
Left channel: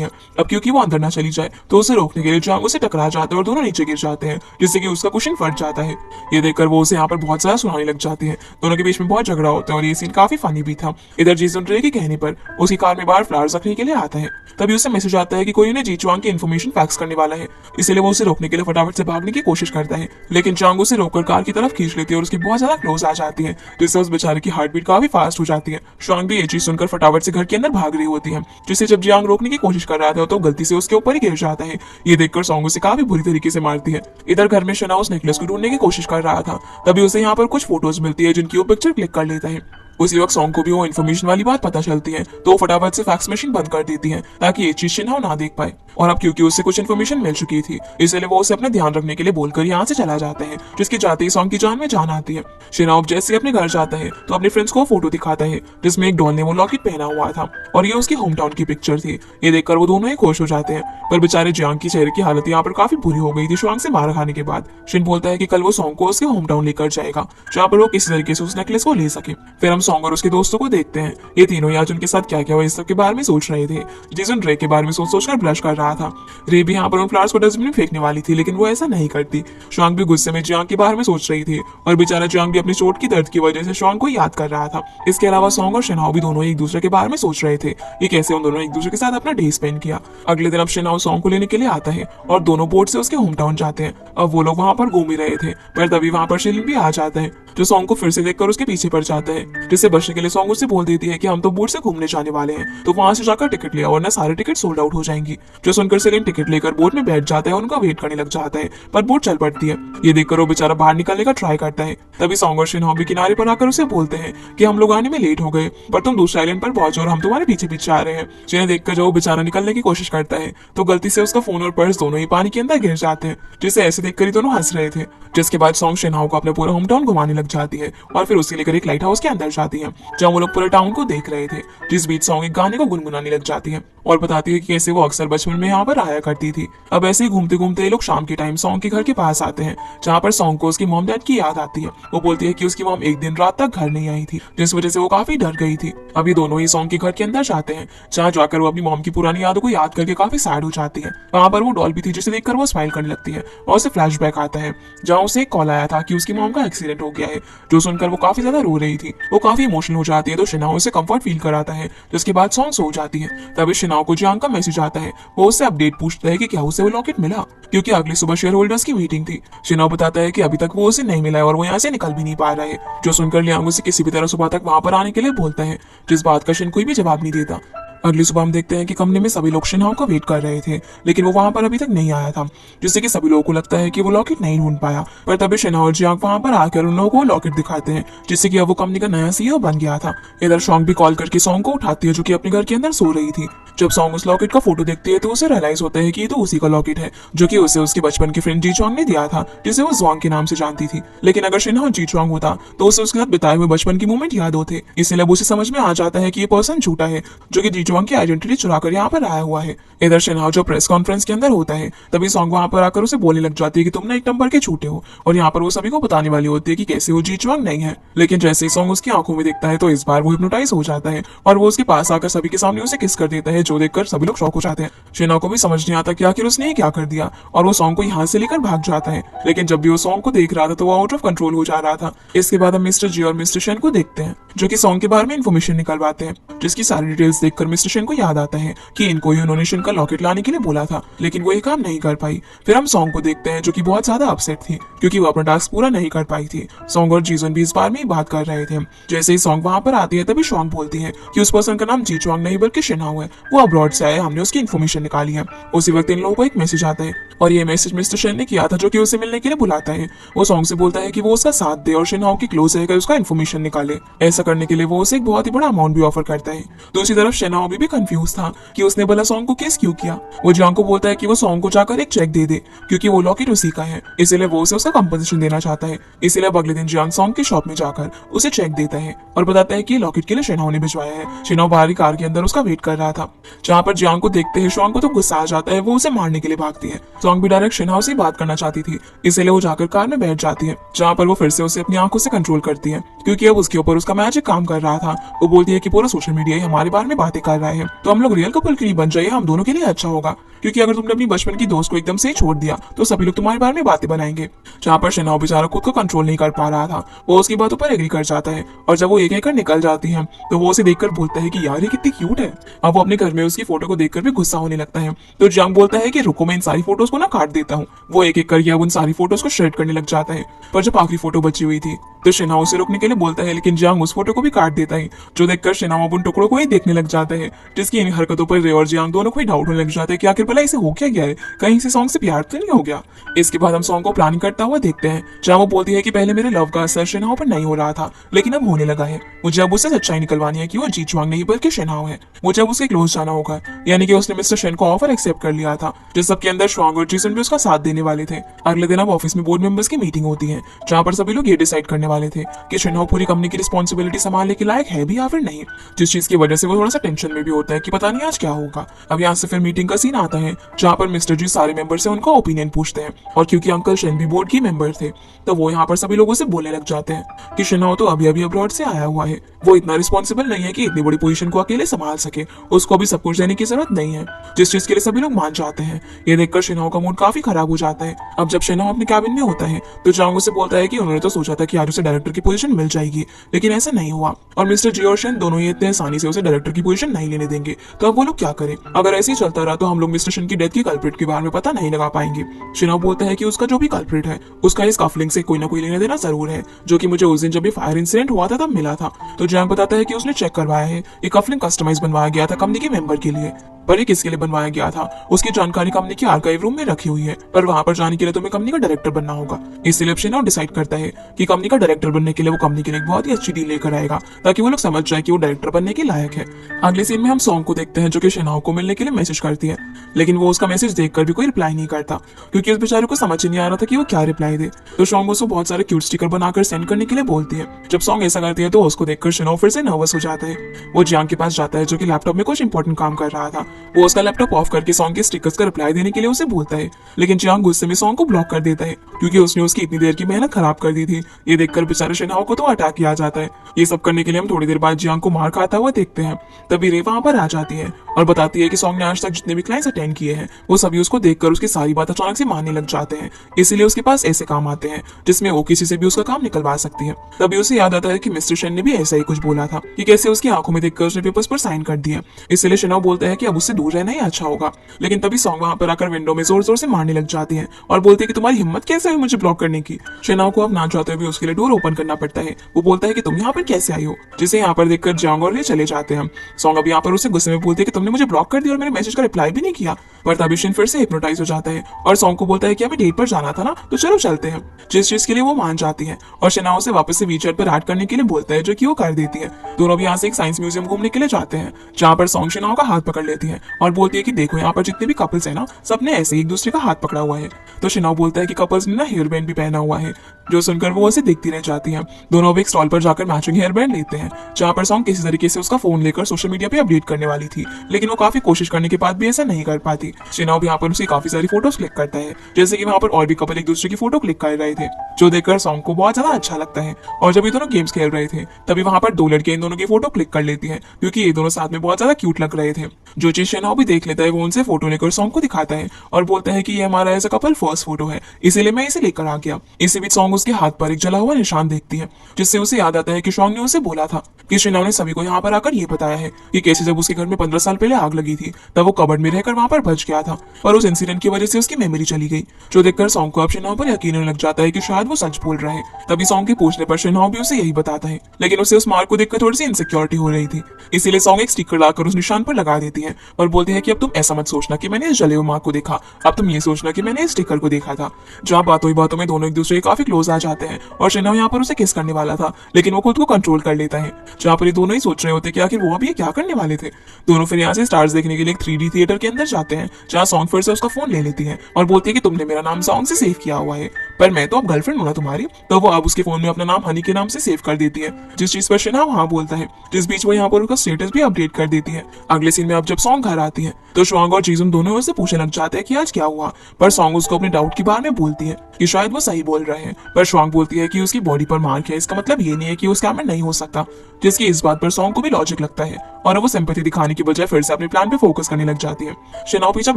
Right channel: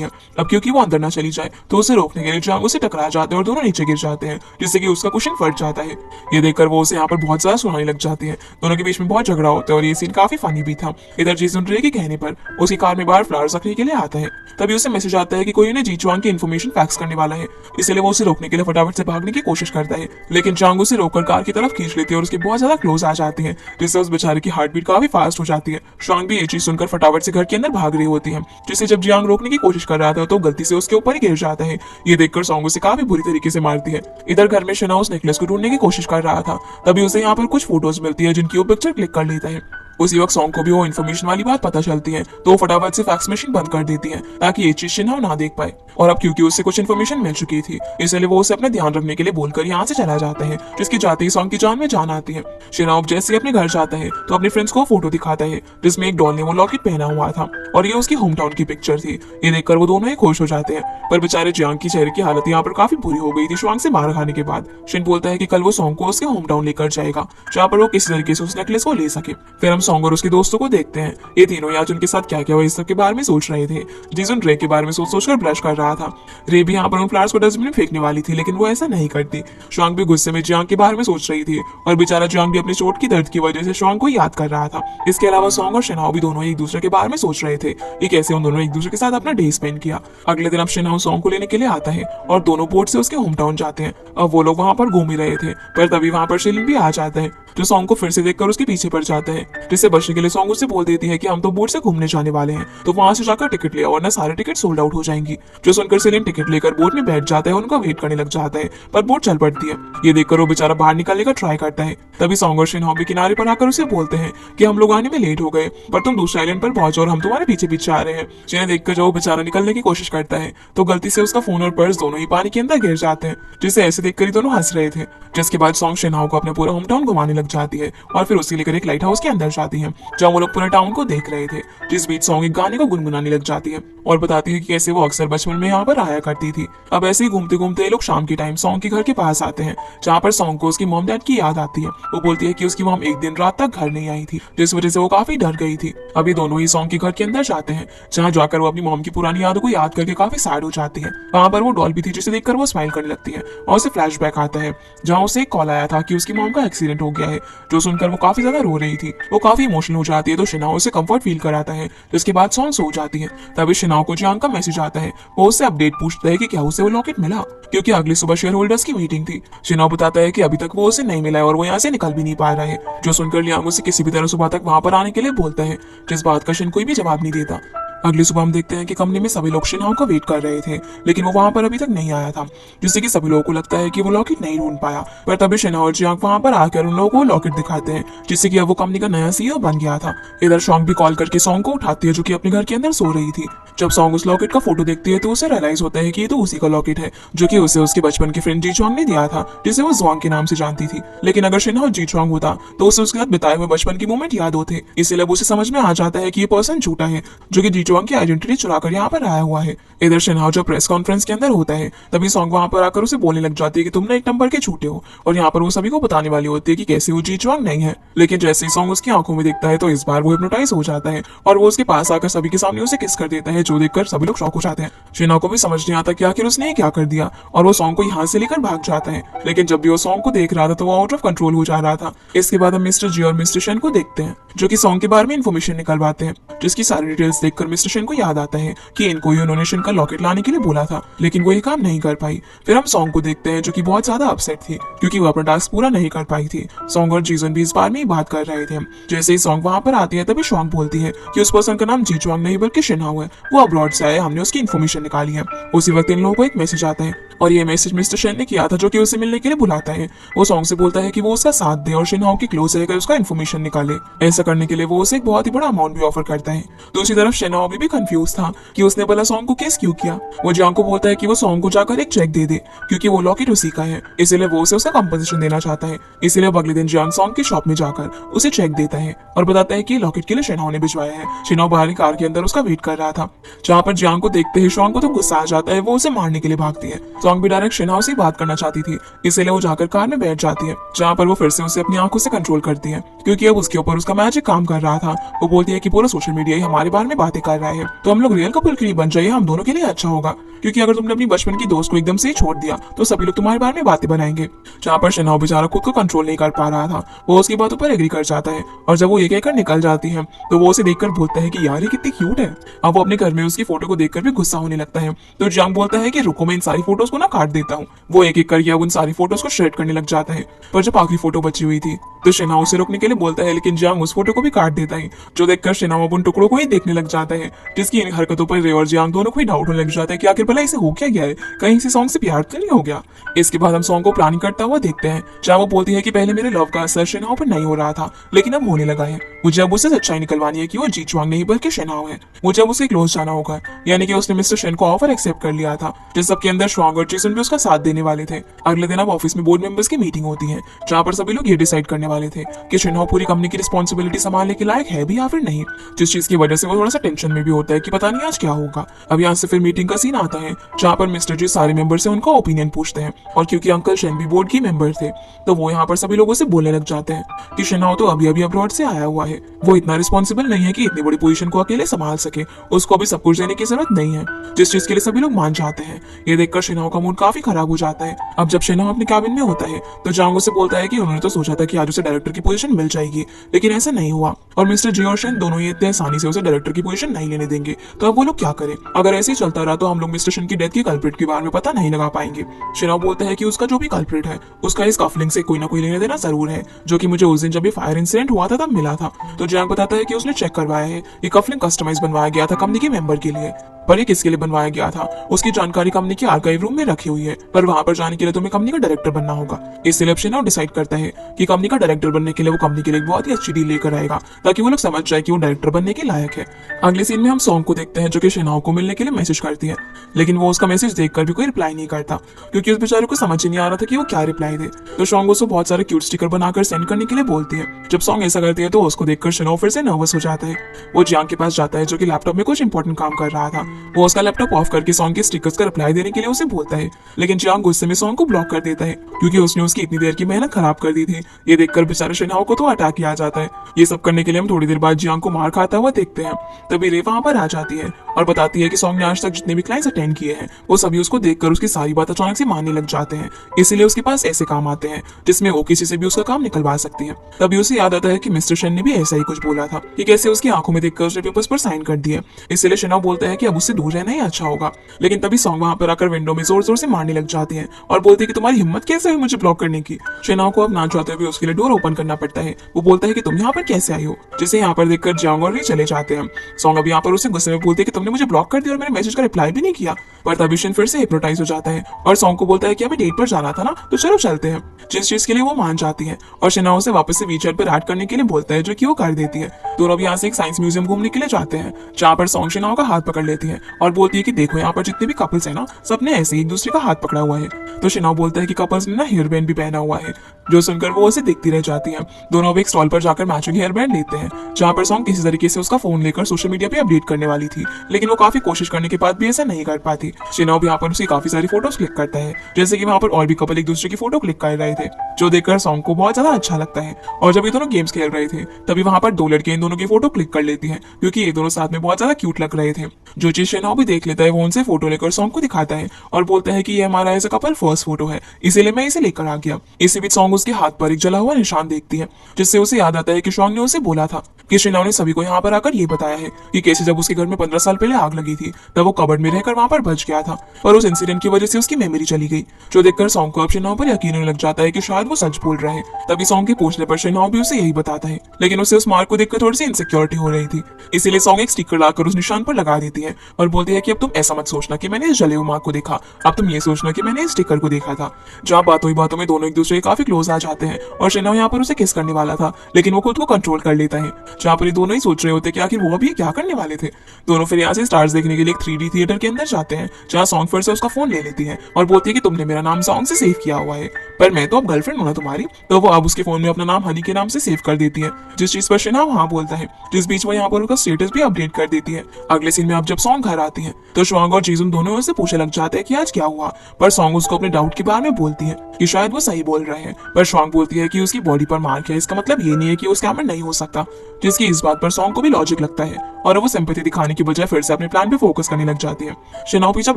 है। अब क्योंकि वो अंदर न चली जाए, तो उसे रोकने के लिए जंग उसे टकरा जाते हैं और दोनों नीचे गिर जाते हैं, जिससे कि उसका क्वेश्चन फट जाता है। ये देखकर वो उसे यहाँ पर बहुत ज्यादा सुनाने लग जाती है। दोनों के बीच में बहुत झगड़ा होता है और ये सीन काफी फनी भी था। इधर जीसन रे के कहने पर उसकी कार में बाहर फ्लावर्स रखने के लिए आता है, तभी उसे मैसेज आता है कि कोई उन्हें जीचुआंग की इन्फॉर्मेशन फैक्स करने वाला है। इसलिए वो उसे रोकने के लिए फटाफट से भागने की कोशिश करता है, लेकिन चांग उसे रोककर कार की तरफ खींच लेती है और उसके बहुत ज्यादा क्लोज आ जाती है, जिससे उस बेचारे की हार्ट बीट काफी फास्ट हो जाती है। शांग भी ये चीज सुनकर फटाफट से घर के अंदर भाग रही होती है, जिसे जब जियांग रोकने की कोशिश कर रहा था तो गलती से उसके ऊपर ही गिर जाता है। ये देखकर सॉन्ग उसे काफी बुरी तरीके से मारती है। इधर घर में शिना उस नेकलेस को ढूंढने की कोशिश कर रहा था, तभी उसे यहाँ पर कुछ फोटोज मिलती है जिनकी वो पिक्चर क्लिक कर लेता है। उसी वक्त सॉन्ग को भी वो इन्फॉर्मेशन वाली बात पता चलती है, तो वो फटाफट से फैक्स मशीन बंद कर देती है ताकि ये चीज शिनाओ ना देख पाए। और अब क्योंकि उससे कुछ इन्फॉर्मेशन मिल चुकी थी, इसलिए वो उसे अपने ध्यान रखने के लिए बोलकर यहाँ से चला जाता है, जिसके जाते ही सॉन्ग की जान में जान आती है। शिनाओ जैसे ही अपने घर जाता है तो अपने फ्रेंड्स को फोटो दिखाता है, जिसमें एक डॉल ने वो लॉकेट पहना हुआ था और ये उसकी होम टाउन की पिक्चर थी। ये देखकर वो दोनों ही खुश हो जाते हैं, पर बेचारे जियांग की चेहरे की हालत यहाँ पर काफी बुरी हो गई थी शुआंग से मार खाने के बाद। शिन बोलता है कि कल वो सॉन्ग को उसके होम टाउन लेकर जाएगा, जहाँ पर वो किसी तरीके से उस नेकलेस को ले सके। फिर हम सॉन्ग और उसके दोस्तों देखते हैं। ये तीनों आज उनके साथ क्या क्या हुआ इस सब के बारे में सोच रहे थे। जीसन रे के बारे में सोच सोच कर ब्लश कर रहा था। रे भी यहाँ पर उन फ्लावर्स को डस्टबिन में फेंकने वाली थी, लेकिन वो ऐसा नहीं करती। शुआंग भी गुस्से में जियांग के बारे में सोच रही थी और बेचारा जियांग भी अपनी चोट की दर्द की वजह से शुआंग को याद कर रहा था। इसके अलावा सॉन्ग और शिनाओ भी दोनों एक दूसरे के बारे में सोच रहे थे कि कैसे उन दोनों एक दूसरे के साथ अपना डे स्पेंड किया। अगले दिन अब शिनाओ सॉन्ग को लेने के लिए आता है और दोनों बोट से उसके होम टाउन जाते हैं। अब वो लोग वहाँ पर घूम ही रहे थे, पर तभी वहाँ पर शिलिन भी आ जाता है, जो सॉन्ग को फिर से देखकर उसके पीछे पड़ जाता है, जिससे बचने के लिए सॉन्ग उससे बोल देती है कि हम तो बोट से घूमने जाने वाले हैं, तो वहां से जाकर टिकट ले आओ वरना सारे टिकट सोल्ड आउट हो जाएंगी। जो सुनकर सेलिन टिकट लेकर बोट में बैठ जाता है और उनका वेट करने लग जाता है, पर बोट चल पड़ती है। ये देखकर वो बेचारा बाहर निकलने का ट्राई करता है, तभी सॉन्ग और शिनहो भी किनारे पर आकर उसे बोलते हैं कि हम लोग आने में लेट हो गए, पर तुम दूसरे आइलैंड पर पहुंचो और हम तुम्हारे पीछे पीछे आ रहे हैं। जिन्हें देखकर जब वो बेचारा निकलने की कोशिश करता है तो गलती से उसका फोन और पर्स दोनों ही पानी के अंदर गिर जाते हैं, जिसे ऐसे देखकर ही दोनों हंस रहे थे। जिसके बाद सॉन्ग शिनहो को अपने पूरा होम टाउन घुमाने लग जाती है और फिर उसके लेकर एक लाइट हाउस के अंदर जाती है, जहाँ वो लोग पूरे टाउन को देख रहे थे। जिस बीच सॉन्ग एक गाने को गुनगुनाने लग जाती है और बताती है कि कैसे वो अक्सर बचपन में यहाँ पर आया करती थी। अब ऐसे ही घूमते घूमते ये लोग शाम के टाइम सॉन्ग के घर के पास आते हैं, जहाँ पर सॉन्ग को उसकी मॉम डैड की याद आती है। वो बोलती है कि उसकी मॉम एक दिन रात तक घर नहीं आई थी, जिस वजह से वो काफी डर गई थी। अब ये दोनों ही सॉन्ग के घर के अंदर जाते हैं, जहाँ जाकर वो अपनी मॉम की पुरानी यादों को याद करके काफी सैड हो जाती है। वहाँ पर वो डॉल भी थी, जिसे देखकर वो स्माइल करने लगती है और उसे फ्लैशबैक आता है, जहाँ उसे एक कॉल आया था कि उसकी मॉम का एक्सीडेंट हो गया है। जो सुनकर वो काफी ज्यादा रो रही थी, वो काफी इमोशनल हो जाती है, तो शिनाओ उसे कंफर्ट फील कराता है। जिसके बाद सॉन्ग सो जाती है। तभी शिनाओ को जियांग का मैसेज आता है। वो उससे अपडेट पूछता है कि क्या उसे वो लॉकेट मिला, क्योंकि अगली सुबह शेयर होल्डर्स की मीटिंग थी। शिनाओ बताता है कि अभी तक वो उसे नहीं मिला है और वो यहाँ से निकल भी नहीं पा रहा है। जो सुनकर लियांग उसे किसी भी तरह सुबह तक वहां पर आने के लिए बोलता है, जिस बात का शिन कोई भी जवाब नहीं देता। अगली सुबह हम देखते हैं कि कमरे में सभी लोग शिनहो को वेट कर रहे थे, लेकिन वो वहां पर अभी तक नहीं आया था, जिससे कि सभी लोगों को लगता है कि वो लॉकेट नहीं ढूंढ पाया। पर तभी शिनहो और जियांग वहां पर आकर उन लोगों को लॉकेट दिखाते हैं, जिससे कि अब वो कंपनी का नया सीईओ बन गया था। इधर सॉन्ग भी कॉल करके सॉन्ग को उठाती है, जो कि अपने घर के अंदर सो रही थी। जब सॉन्ग उस लॉकेट का फोटो देखती है तो उसे रियलाइज होता है कि ये तो उसी का लॉकेट है, जो कि उसे उसके बचपन के फ्रेंड जीचोंग ने दिया था, जिसे वो जुआंग के नाम से जानती थी। लेकिन अगर शिनहो जीचोंग होता तो उसे उसके साथ बिताए हुए बचपन के मोमेंट याद होते। इसलिए अब उसे समझ में आ जाता है कि ये पर्सन झूठा है, जो कि जीचोंग की आइडेंटिटी चुरा कर यहाँ पर आया हुआ है। इधर शिनहो जो प्रेस कॉन्फ्रेंस के अंदर होता है, तभी सॉन्ग वहां पर आकर उसे बोलने लग जाती है कि तुम ना एक नंबर के झूठे हो, और यहाँ पर वो सभी को बताने वाली होती है कि कैसे वो जीचोंग नहीं है। लेकिन जैसे ही सॉन्ग उसकी आंखों में दिखता है तो इस बार वो हिप्नोटाइज हो जाता है और वो उसके पास आकर सभी के सामने उसे किस कर देता है, जो देखकर सभी लोग शॉक हो जाते हैं। शिनहो को भी समझ नहीं आता कि आखिर उसने क्या कर दिया और वो सॉन्ग को यहाँ से लेकर भाग जाता है। लेकिन जब भी वो सॉन्ग को देख रहा था तो वो आउट ऑफ कंट्रोल हो जा रहा था। इसके बाद हम मिस्टर जी और मिस्टर शन को देखते हैं, जो कि सॉन्ग के बारे में इन्फॉर्मेशन निकलवाते हैं, जिसकी सारी डिटेल्स देखकर मिस्टर शन को याद आता है कि इनको उन्होंने शन का लॉकेट लाने के लिए बोला था, लेकिन वो ये काम नहीं कर पाई। फिर हम सॉन्ग को देखते हैं, जो कि बहुत ज्यादा अपसेट थी क्योंकि वो अपना टास्क पूरा नहीं कर पाई थी। सॉन्ग और जीजन भी इस बारे में बात कर रहे थे। जैसे ही सॉन्ग वहां पर आती है तभी सॉन्ग बोलती है कि उस पर्सन का नाम जीचोंग नहीं बल्कि शिनहो है, वो अब्रॉड से आया, हमने उसकी इन्फॉर्मेशन निकाली है। उसी वक्त इन लोगों को एक मैसेज आता है और ये मैसेज मिस्टर शेन ने किया था, जो कि उसे मिलने के लिए बुलाता है। वो सॉन्ग से बोलता है कि वो उसका साथ दे और शिनहाओ के क्लोज रहकर उसका इन्फॉर्मेशन निकाले। ऐसा करने के लिए वो उसे एक बहुत ही बड़ा अमाउंट भी ऑफर करता है। दूसरी तरफ शिनहाओ भी कंफ्यूज था कि उसने भला सॉन्ग को किस क्यों किया। वो जियांग को बोलता है कि वो सॉन्ग को जाकर एक चेक दे दे, क्योंकि वो लॉकेट उसी का है, इसलिए वो उसे उसका कंपनसेशन देना चाहता है। इसीलिए अगले दिन जियांग सॉन्ग की शॉप में जाकर उसे चेक देता है और बताता है कि लॉकेट के लिए शिनहाओ ने भिजवाया है। शिनहाओ बाहरी कार के अंदर उसका वेट कर रहा था। जहाँ पर जियांग को देखते ही सॉन्ग को तो गुस्सा आ जाता है, वो उसे मारने के लिए भागती है। सॉन्ग भी डायरेक्ट शिनहाओ से बात करना चाहती थी, इसलिए वो जाकर कार में बैठ जाती है, जहाँ पर वो फिर से उसे अपनी आंखों से कंट्रोल करती है, क्योंकि अब उसके ऊपर उसका मैजिक काम कर रहा था। वो बोलती है कि पूरा सोशल मीडिया ही हमारे बारे में बातें कर रहा है, तो हम लोग रियल कपल के लिए बन जाइए, हम दोनों के लिए अच्छा होगा, क्योंकि अगर तुमने अपनी बचपन की दोस्त को एकदम से ही छोड़ दिया तो सभी लोग तुम्हारे बारे में बातें बनाएंगे। जहाँ पर शिनहाओ बेचारा खुद को कंट्रोल नहीं कर पा रहा था, वो उसकी बातों पर एग्री कर जाता है और जब वो एक एक कर निकल जाती है तो वो उसे देखकर बोलता है कि यार ये कितनी क्यूट है। अब वो अपने घर में उसकी फोटो को देखकर भी गुस्सा होने लगता है, तो जियांग बोलता है कि रुको, मैं इन सारी फोटोज को ना काट देता हूँ। वो एक एक करके अब उन सारी फोटोज को श्रेड करने लग जाता है, पर जब आखिरी फोटो बची हुई थी तो शिनहाओ उसे रोकने के लिए बोलता है, लेकिन जियांग उस फोटो को भी काट देता है, जो देखकर शिनहाओ उन टुकड़ों को ही देखने लग जाता है, जिसकी इन हरकतों पर रे और जियांग दोनों को ही डाउट होने लग जाता है कि आखिर भला इसे हो क्या गया है, कहीं इसी सॉन्ग से प्यार तो नहीं हो गया। इसके बाद हम सॉन्ग को प्लानिंग करता हुआ देखते हैं, जहाँ वो बोलती है कि पहले मेरे लव का असर शिनहाओ पर नहीं हो रहा था, लेकिन अब होने लगा है। मुझे अब उससे सच्चाई निकलवानी है कि वो जीचुआंग नहीं बल्कि शिनहाओ है। मुझे अब उसके क्लोज जाना होगा, यानी कि उसने मिस्टर शेन को ऑफर एक्सेप्ट कर लिया था, जिस सबके अंदर श्वांग और जीसन भी उसका साथ देने वाले थे। अगले दिन अब ऑफिस में बोर्ड मेंबर्स की मीटिंग होती है, जहाँ पर सभी लोग ये डिसाइड करने वाले थे कि शिनहाओ पूरी कंपनी की रिस्पॉन्सिबिलिटी संभालने के लायक है भी या फिर नहीं, जिस चीज की वजह से वो थोड़ा सा टेंशन में भी होता है कि पता नहीं आज क्या होगा। अब यहाँ से फिर मीटिंग का सीन आता है, जहाँ पर मिस्टर जी सारे मेंबर से उनका ओपिनियन पूछते हैं, और क्योंकि अंकल शेन भी बोर्ड के मेंबर थे तो वो यहाँ पर सभी लोगों से बोलने लग जाते हैं कि शिनहाओ तो अभी अभी अब्रॉड से आया हुआ है, वो इतना रिस्पॉन्सिबल नहीं है कि इतनी बड़ी पोजीशन को अकेले संभाल सके, उसको अभी सब कुछ देने की जरूरत नहीं है, जिस चीज के लिए सभी लोग मान जाते हैं। ये देखकर शिनहाओ का मूड काफी खराब हो जाता है। अब जब शिनहाओ अपने कैबिन में होता है तो जियांग उसे बोलता है कि उन्होंने तो सोचा था कि आज उसे डायरेक्टर की पोजीशन मिल जाएगी, लेकिन ऐसा नहीं हुआ, और मिस्टर जी और शेन दोनों ही इतने आसानी से उसे डायरेक्टर की पोजीशन नहीं लेने देंगे। तो अब वो लोग क्या करें? अगर ऐसे ही चलता रहा तो हम लोग मिस्टर शेन की डेथ की कल्प्रिट के बारे में पता नहीं लगा पाएंगे। शिनहाओ बोलता है कि उसका जो भी कल्प्रिट है उसका इस कफलिंग से कोई ना कोई लेना देना जरूर है, जो कि मुझे उस दिन जब भी फायर इंसिडेंट हुआ था तब मिला था। तो जियांग बताता है कि उसने चेक करवाया है, ये कफलिंग कस्टमाइज बनवाया गया था कंपनी के मेंबर के लिए, पर ये किसके लिए बनवाया गया था उसकी जानकारी कंपनी के आर्काइव रूम में रखी हुई है, पर वहां पर जाने के लिए तुम्हें कंपनी का डायरेक्टर बनना होगा। इसलिए अब शिनहाओ डिसाइड करता है कि कंपनी का डायरेक्टर बनने के लिए वो कंपनी के लिए एक बहुत ही अच्छी डील लेकर आएगा, ताकि वो लोग समझ जाए कि वो डायरेक्टर बनने के लायक है। अगले सीन में हम सॉन्ग को देखते हैं, जो कि शिनहाओ को मिलने के लिए मैसेज करती है, लेकिन वो उसका मैसेज देखकर भी कोई रिप्लाई नहीं करता, क्योंकि उस बेचारे को समझ ही नहीं आ रहा था कि वो क्या रिप्लाई दे। तो सॉन्ग उसको बहुत सारे क्यूट स्टिकर बनाकर सेंड करने के लिए बोलती है। जब सॉन्ग ऐसा करती है तो उसको देखकर शिनहाओ फिर से नर्वस हो जाता है। वो जियांग के पास जाता है, जो कि लैपटॉप में कुछ इंपॉर्टेंट काम कर रहा था। वो उसका लैपटॉप ऑफ करके सॉन्ग के स्टिकर्स का रिप्लाई देने के लिए उसे बोलता है, लेकिन जियांग गुस्से में सॉन्ग को ब्लॉक कर देता है, क्योंकि उसने उसकी इतनी देर की मेहनत खराब कर दी थी। ये देखकर बेचारे शिनहाओ को तो अटैक आ जाता है। ये सब करने के लिए हम थोड़ी देर बाद जियांग को मार खाता हुआ देखते हैं। तभी रे वहां पर आ जाती है और बताती है कि सॉन्ग ने आज तक जितने भी क्लाइंट्स अटेंड किए हैं वो सभी उसको देखकर उसकी सारी बात अचानक से मानने लग जाते हैं, इसीलिए उसके पास ऐसे काम आते हैं जिसमें वो किसी से भी उसका काम निकलवा सकती है। तभी उसे याद आता है कि मिस्टर शेन ने भी ऐसे ही कुछ बोला था कि कैसे उसकी आंखों में देखकर उसने पेपर्स पर साइन कर दिया, इसलिए शिनहाओ बोलता है कि अब उससे दूर रहना ही अच्छा होगा। लेकिन तभी सॉन्ग वहां पर आकर विंडो में जोर जोर से मारने लग जाती है और बोलती है कि तुम्हारी हिम्मत कैसे आई मुझे ब्लॉक करने की। शिनहाओ को अब ना चाहते हुए उसके लिए डोर ओपन करना पड़ता है। वो बोलता है कि तुम यहाँ पर कैसे आई हो, जिसे यहाँ पर देखकर जियांग और वे चले जाते हैं। सॉन्ग अब यहाँ पर उसे गुस्से में बोलते हैं कि तुमने मुझे ब्लॉक कर दिया और मेरे मैसेज का रिप्लाई भी नहीं किया। पर तभी शिन फिर से हिप्नोटाइज हो जाता है और सॉन्ग को बोलता है कि हमें डेट पर जाना था ना, तो चलो चलते हैं, जिस चीज के लिए वो मान जाती है, और शिनहाओ से वापस से वीचैट पर ऐड करने के लिए बोलता है, जो कि वो कर देती है। दोनों अब यहाँ से एक साइंस म्यूजियम घूमने के लिए जाते हैं, जहाँ पर सॉन्ग शिनहाओ का हाथ पकड़ लेती है और बोलती है कि देखो यहाँ पर जितने भी कपल्स है ना, सबने ऐसे ही एक दूसरे का हाथ पकड़ा हुआ है। तो शिनहाओ बोलता है कि कपल्स ने ना हेयर बैंड भी पहना हुआ है, जो सुनकर वो उसे देखती रह जाती है। दोनों अब एक स्टॉल पर जाकर मैचिंग हेयर बैंड लेते हैं, जहाँ पर सॉन्ग किसी तरीके से उसका फोन लेकर सोशल मीडिया पे अपडेट करने वाली थी, लेकिन वो काफी कोशिश करने के बाद भी ऐसा नहीं कर पाती। शिनहाओ यहाँ पर उसकी काफी सारी फोटोज क्लिक करता है, जैसे कि वहाँ पर और भी कपल एक दूसरे की फोटो क्लिक कर रहे थे, जो देखकर सॉन्ग को बहुत ज्यादा अच्छा लगता है। और जब ये दोनों गेम्स खेल रहे थे तभी वहाँ पर दो लड़के इन दोनों की फोटो क्लिक कर लेती है, क्योंकि ये दोनों साथ में बहुत ज्यादा क्यूट लग रहे थे। जो चीज शिनहाओ भी देख लेता है, वो उनसे फोटो लेकर सॉन्ग को दिखाता है और बोलता है कि ये हमारा ऐसा कपल फर्स्ट फोटो है, इसीलिए मैं इसे लेकर आ गया। इसी बीच सॉन्ग उसके हाथ पर एक जला हुआ निशान देखती है, जिससे उसे याद आता है कि सॉन्ग ने उसे बोला था कि शिनहाओ ने सभी को यहाँ पर आकर ये बताया है कि कैसे जब उसके घर में 15 साल पहले आग लगी थी तब वो कबर्ड में रहकर वहां पर बच गया था, पर उस इंसिडेंट की वजह से उसकी मेमोरी चली गई। जो देखकर सॉन्ग को अब शिनहाओ पर यकीन होने लग जाता है है कि शायद वो सच बोल रहा है। तभी सॉन्ग के पूछने पर शिनहो भी उसे यही बताता है, लेकिन उसे उस मार्क को देखकर थोड़ी सी इनसिक्योरिटी हो रही थी। इसीलिए सॉन्ग एक स्टिकर लाकर उस निशान पर लगा देती है और बोलती है कि अब तुम ऐसा मत सोचना कि मैंने इस जले हुए मार्क को देखा, अब तुम ये सोचना कि मैंने इस स्टिकर को देखा था। जहाँ बातों ही बातों में दोनों एक दूसरे के काफी क्लोज आ जाते हैं और शिनहो यहाँ पर उसे किस करने वाला था, लेकिन वो खुद को कंट्रोल कर लेता है। जहाँ पर ये दोनों ही सोच रहे होते कि आखिर वो अभी क्या करने वाले थे। दोनों फिर यहाँ से स्टार्स देखने के लिए एक 3D थिएटर के अंदर जाते हैं, जहाँ सॉन्ग फिर से उसका फोन ले लेती है और बोलती है कि तुमने मेरा नाम सॉन्ग से सेव किया हुआ है, पर मैं तो अब गर्लफ्रेंड हूं ना तुम्हारी। तो वो अब उसके फोन में अपना नाम हनी के नाम से सेव कर देती है, जिस चीज पर शिनहो हाँ बोलता है, जिस बीच वो यहाँ पर उसका स्टेटस भी अपडेट कर देती है। अगले सीन में अब जब सॉन्ग घर आती है तो श्वांग और जीजुन दोनों उससे पूछने लग जाते हैं कि आज क्या हुआ, पर सॉन्ग उसको अपने डाउट के बारे में बोलती है कि शायद वो सही बोल रहे हैं। पर श्वांग बोलती है कि उसकी बॉडी पर मार्क है, इसका मतलब ये नहीं है कि उसका कैमरा नहीं हो सकता, जिसकी इस बात पर सॉन्ग को भी लॉजिक लगता है और वो सिंपैथी दिखाने की बजाय फिर से अपने प्लान पे फोकस करने लग जाती है। शिनहो भी जब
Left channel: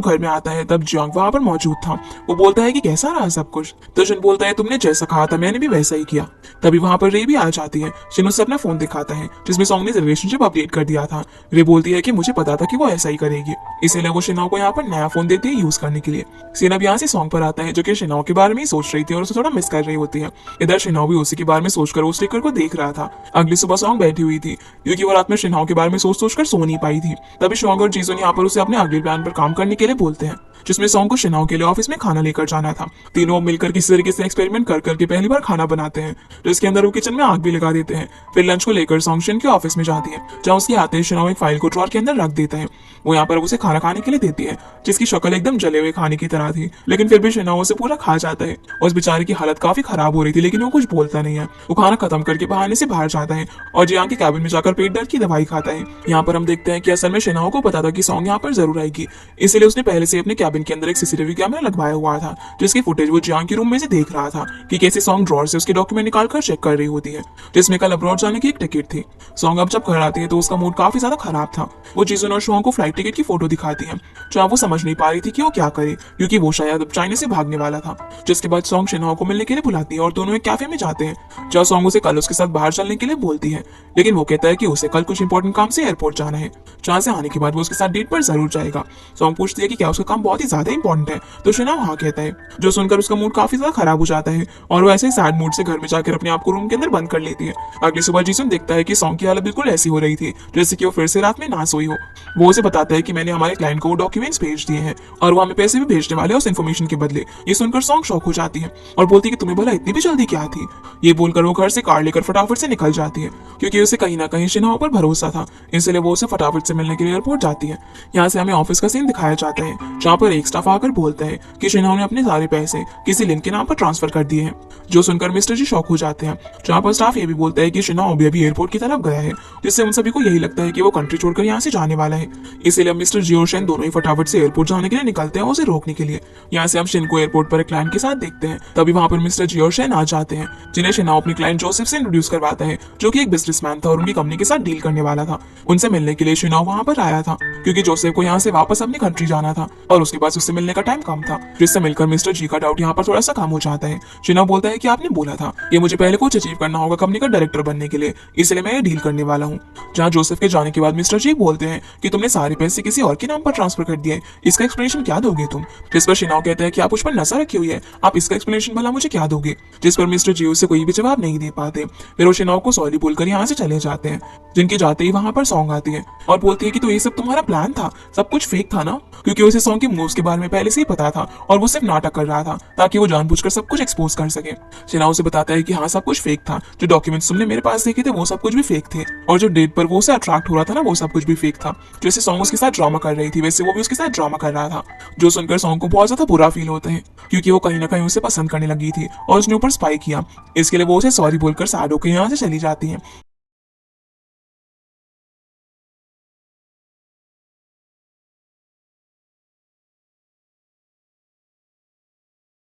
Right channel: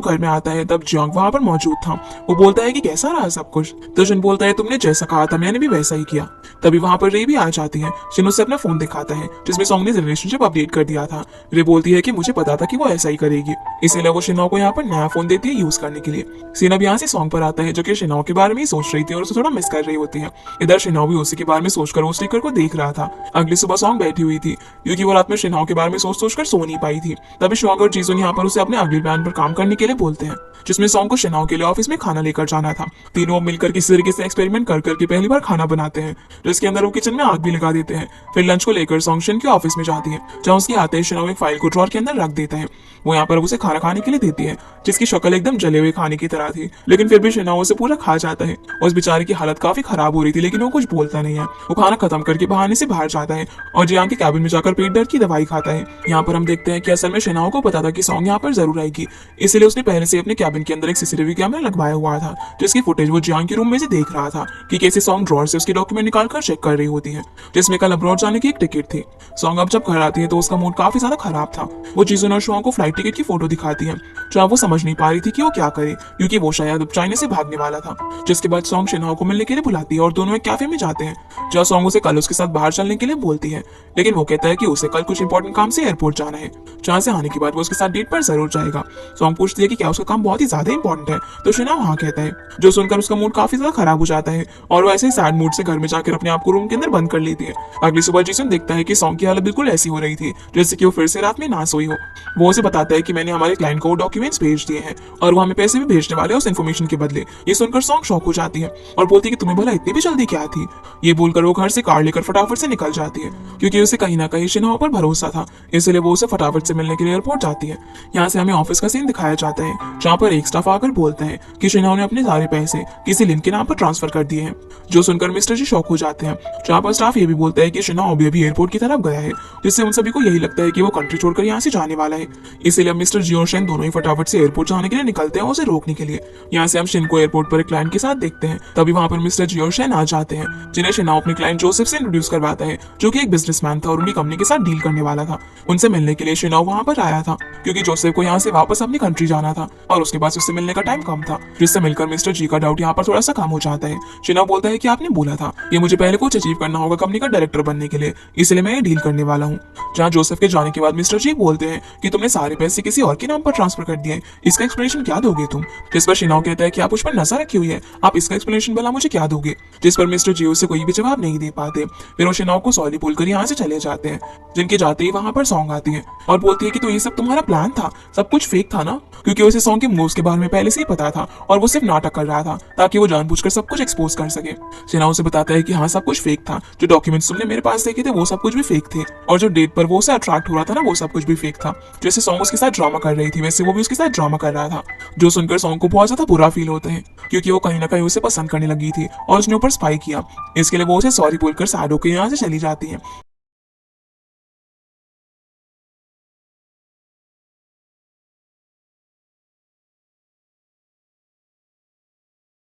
घर में आता है तब जियांग वहां पर मौजूद था। वो बोलता है कि कैसा रहा सब कुछ, तो शिन बोलता है तुमने जैसा कहा था मैंने भी वैसा ही किया। तभी वहां पर रे भी आ जाती है। शिन उसे अपना फोन दिखाता है जिसमें सॉन्ग ने रिलेशनशिप अपडेट कर दिया था। रे बोलती है कि मुझे पता था कि वो ऐसा ही करेगी, इसीलिए वो शिनहो को यहाँ पर नया फोन देती है यूज करने के लिए। सीन अब यहाँ से सॉन्ग पर आता है जो कि शिनहो के बारे में ही सोच रही थी और उसे थोड़ा मिस कर रही होती है। इधर शिनहो भी उसी के बारे में सोचकर उस स्टिकर को देख रहा था। अगली सुबह सॉन्ग बैठी हुई थी क्योंकि वो रात में शिनहो के बारे में सोच कर सो नहीं पाई थी। तभी श्वांग और जीजुन यहाँ पर उसे अपने अगले प्लान पर काम करने के लिए बोलते हैं, जिसमें सॉन्ग को शिनहो के लिए ऑफिस में खाना लेकर जाना था। तीनों मिलकर किसी तरीके से एक्सपेरिमेंट कर करके पहली बार खाना बनाते हैं, जिसके अंदर वो किचन में आग भी लगा देते हैं। फिर लंच को लेकर सॉन्ग शिन के ऑफिस में जाती है, जहाँ उसके आते ही शिनहो एक फाइल को ड्रॉर के अंदर रख देते हैं। वो यहाँ पर उसे खाना खाने के लिए देती है, जिसकी शक्ल एकदम जले हुए खाने की तरह थी, लेकिन फिर भी शिनहो उसे पूरा खा जाता है। उस बेचारे की हालत काफी खराब हो रही थी, लेकिन वो कुछ बोलता नहीं है। वो खाना खत्म करके बहाने से बाहर जाता है और जियांग के कैबिन में जाकर पेट दर्द की दवाई खाता है। यहाँ पर हम देखते हैं कि असल में शिनहो को पता था कि सॉन्ग यहाँ पर जरूर आएगी, इसलिए उसने पहले से अपने कैबिन के अंदर एक सीसीटीवी कैमरा लगवाया हुआ था, जिसकी फुटेज वो जियांग के रूम में से देख रहा था कि कैसे सॉन्ग ड्रॉर से उसके डॉक्यूमेंट निकालकर चेक कर रही होती है, जिसमें कल अब्रॉड जाने की एक टिकट थी। सॉन्ग अब जब घर आती है तो उसका मूड काफी ज्यादा खराब था। वो जीजुन और श्वांग को फ्लाइट टिकट की फोटो दिखाती है, जहाँ वो समझ नहीं पा रही थी कि वो क्या करे, क्योंकि वो शायद अब चाइना से भागने वाला था। जिसके बाद सॉन्ग शिनहो को मिलने के लिए बुलाती है और दोनों एक कैफे में जाते हैं, जहाँ सॉन्ग उसे कल उसके साथ बाहर चलने के लिए बोलती है, लेकिन वो कहता है कि उसे कल कुछ इंपॉर्टेंट काम से एयरपोर्ट जाना है, जहाँ से आने के बाद वो उसके साथ डेट पर जरूर जाएगा। सॉन्ग पूछती है कि क्या उसका काम बहुत ही ज्यादा इंपॉर्टेंट है, तो शिनहो हाँ कहता है, जो सुनकर उसका मूड काफी ज्यादा खराब हो जाता है और वो ऐसे सैड मूड से घर में जाकर अपने आप को रूम के अंदर बंद कर लेती है। अगली सुबह जीसन देखता है कि सॉन्ग की हालत बिल्कुल ऐसी हो रही थी जैसे कि वो फिर से रात में ना सोई हो। वो उसे बताता है कि मैंने हमारे क्लाइंट को डॉक्यूमेंट्स भेज दिए हैं और वो हमें पैसे भी भेजने वाले हैं उस इन्फॉर्मेशन के बदले। ये सुनकर सॉन्ग शॉक हो जाती है और बोलती है कि तुम्हें बोला इतनी भी जल्दी क्या थी। ये बोलकर वो घर से कार लेकर फटाफट से निकल जाती है, क्योंकि उसे कहीं ना कहीं शिनहो पर भरोसा था, इसलिए वो उसे फटाफट से मिलने के लिए एयरपोर्ट जाती है। यहाँ से हमें ऑफिस का सीन दिखाया जाता है, जहाँ पर एक स्टाफ आकर बोलते हैं कि शिनहो ने अपने सारे पैसे किसी लिंक के नाम पर ट्रांसफर कर दिए हैं, जो सुनकर मिस्टर जी शॉक हो जाते हैं। जहाँ पर स्टाफ ये भी बोलता है कि शिनहो अभी एयरपोर्ट की तरफ गया है, जिससे उन सभी को यही लगता है कि वो कंट्री छोड़कर यहाँ से जाने वाला है। इसीलिए मिस्टर जी और शेन दोनों ही फटाफट से एयरपोर्ट जाने के लिए निकलते हैं उसे रोकने के लिए। यहाँ से हम शेन को एयरपोर्ट पर एक क्लाइंट के साथ देखते हैं। तभी वहाँ पर मिस्टर जी और शेन आ जाते हैं, जिन्हें शिनहो अपने क्लाइंट जोसेफ से इंट्रोड्यूस करवाता है, जो कि एक बिजनेसमैन था और उनकी कंपनी के साथ डील करने वाला था। उनसे मिलने के लिए शिनहो वहाँ पर आया था, क्योंकि जोसेफ को यहाँ से वापस अपनी कंट्री जाना था और उसके बाद उससे मिलने का टाइम कम था, जिससे मिलकर मिस्टर जी का डाउट यहाँ पर थोड़ा सा कम हो जाता है। शिनहो बोलता है कि आपने बोला था ये मुझे पहले कुछ अचीव करना होगा कंपनी का डायरेक्टर बनने के लिए, इसलिए मैं ये डील करने वाला हूँ। जहाँ जोसेफ के जाने के बाद मिस्टर जी बोलते हैं कि तुमने सारे पैसे किसी और के नाम पर ट्रांसफर कर दिए, इसका एक्सप्लेनेशन क्या दोगे तुम। जिस पर शिनहो कहता है कि आप उस पर नजर रखी हुई है, आप इसका एक्सप्लेनेशन भला मुझे क्या दोगे। जिस पर मिस्टर जी उसे कोई भी जवाब नहीं दे पाते। फिर वो शिनहो को सॉरी बोलकर यहाँ से चले जाते हैं। जिनके जाते ही वहां पर सॉन्ग आती है और बोलती है कि तो ये सब तुम्हारा प्लान था, सब कुछ फेक था ना, क्योंकि उसे सॉन्ग के मूव्स के बारे में पहले से ही पता था और वो सिर्फ नाटक कर रहा था ताकि वो जानबूझकर सब कुछ एक्सपोज कर सके। शिनहो से बताता है कि हाँ सब कुछ फेक था, जो डॉक्यूमेंट्स तुमने मेरे पास देखे थे वो सब कुछ भी फेक थे, और जो डेट पर वो उसे अट्रैक्ट हो रहा था ना वो सब कुछ भी फेक था। जैसे सॉन्ग उसके साथ ड्रामा कर रही थी वैसे वो भी उसके साथ ड्रामा कर रहा था, जो सुनकर सॉन्ग को बहुत ज्यादा बुरा फील होता है, क्योंकि वो कहीं ना कहीं उसे पसंद करने लगी थी और उसने ऊपर स्पाई किया। इसके लिए वो उसे सॉरी बोलकर सैड होकर यहाँ से चली जाती है।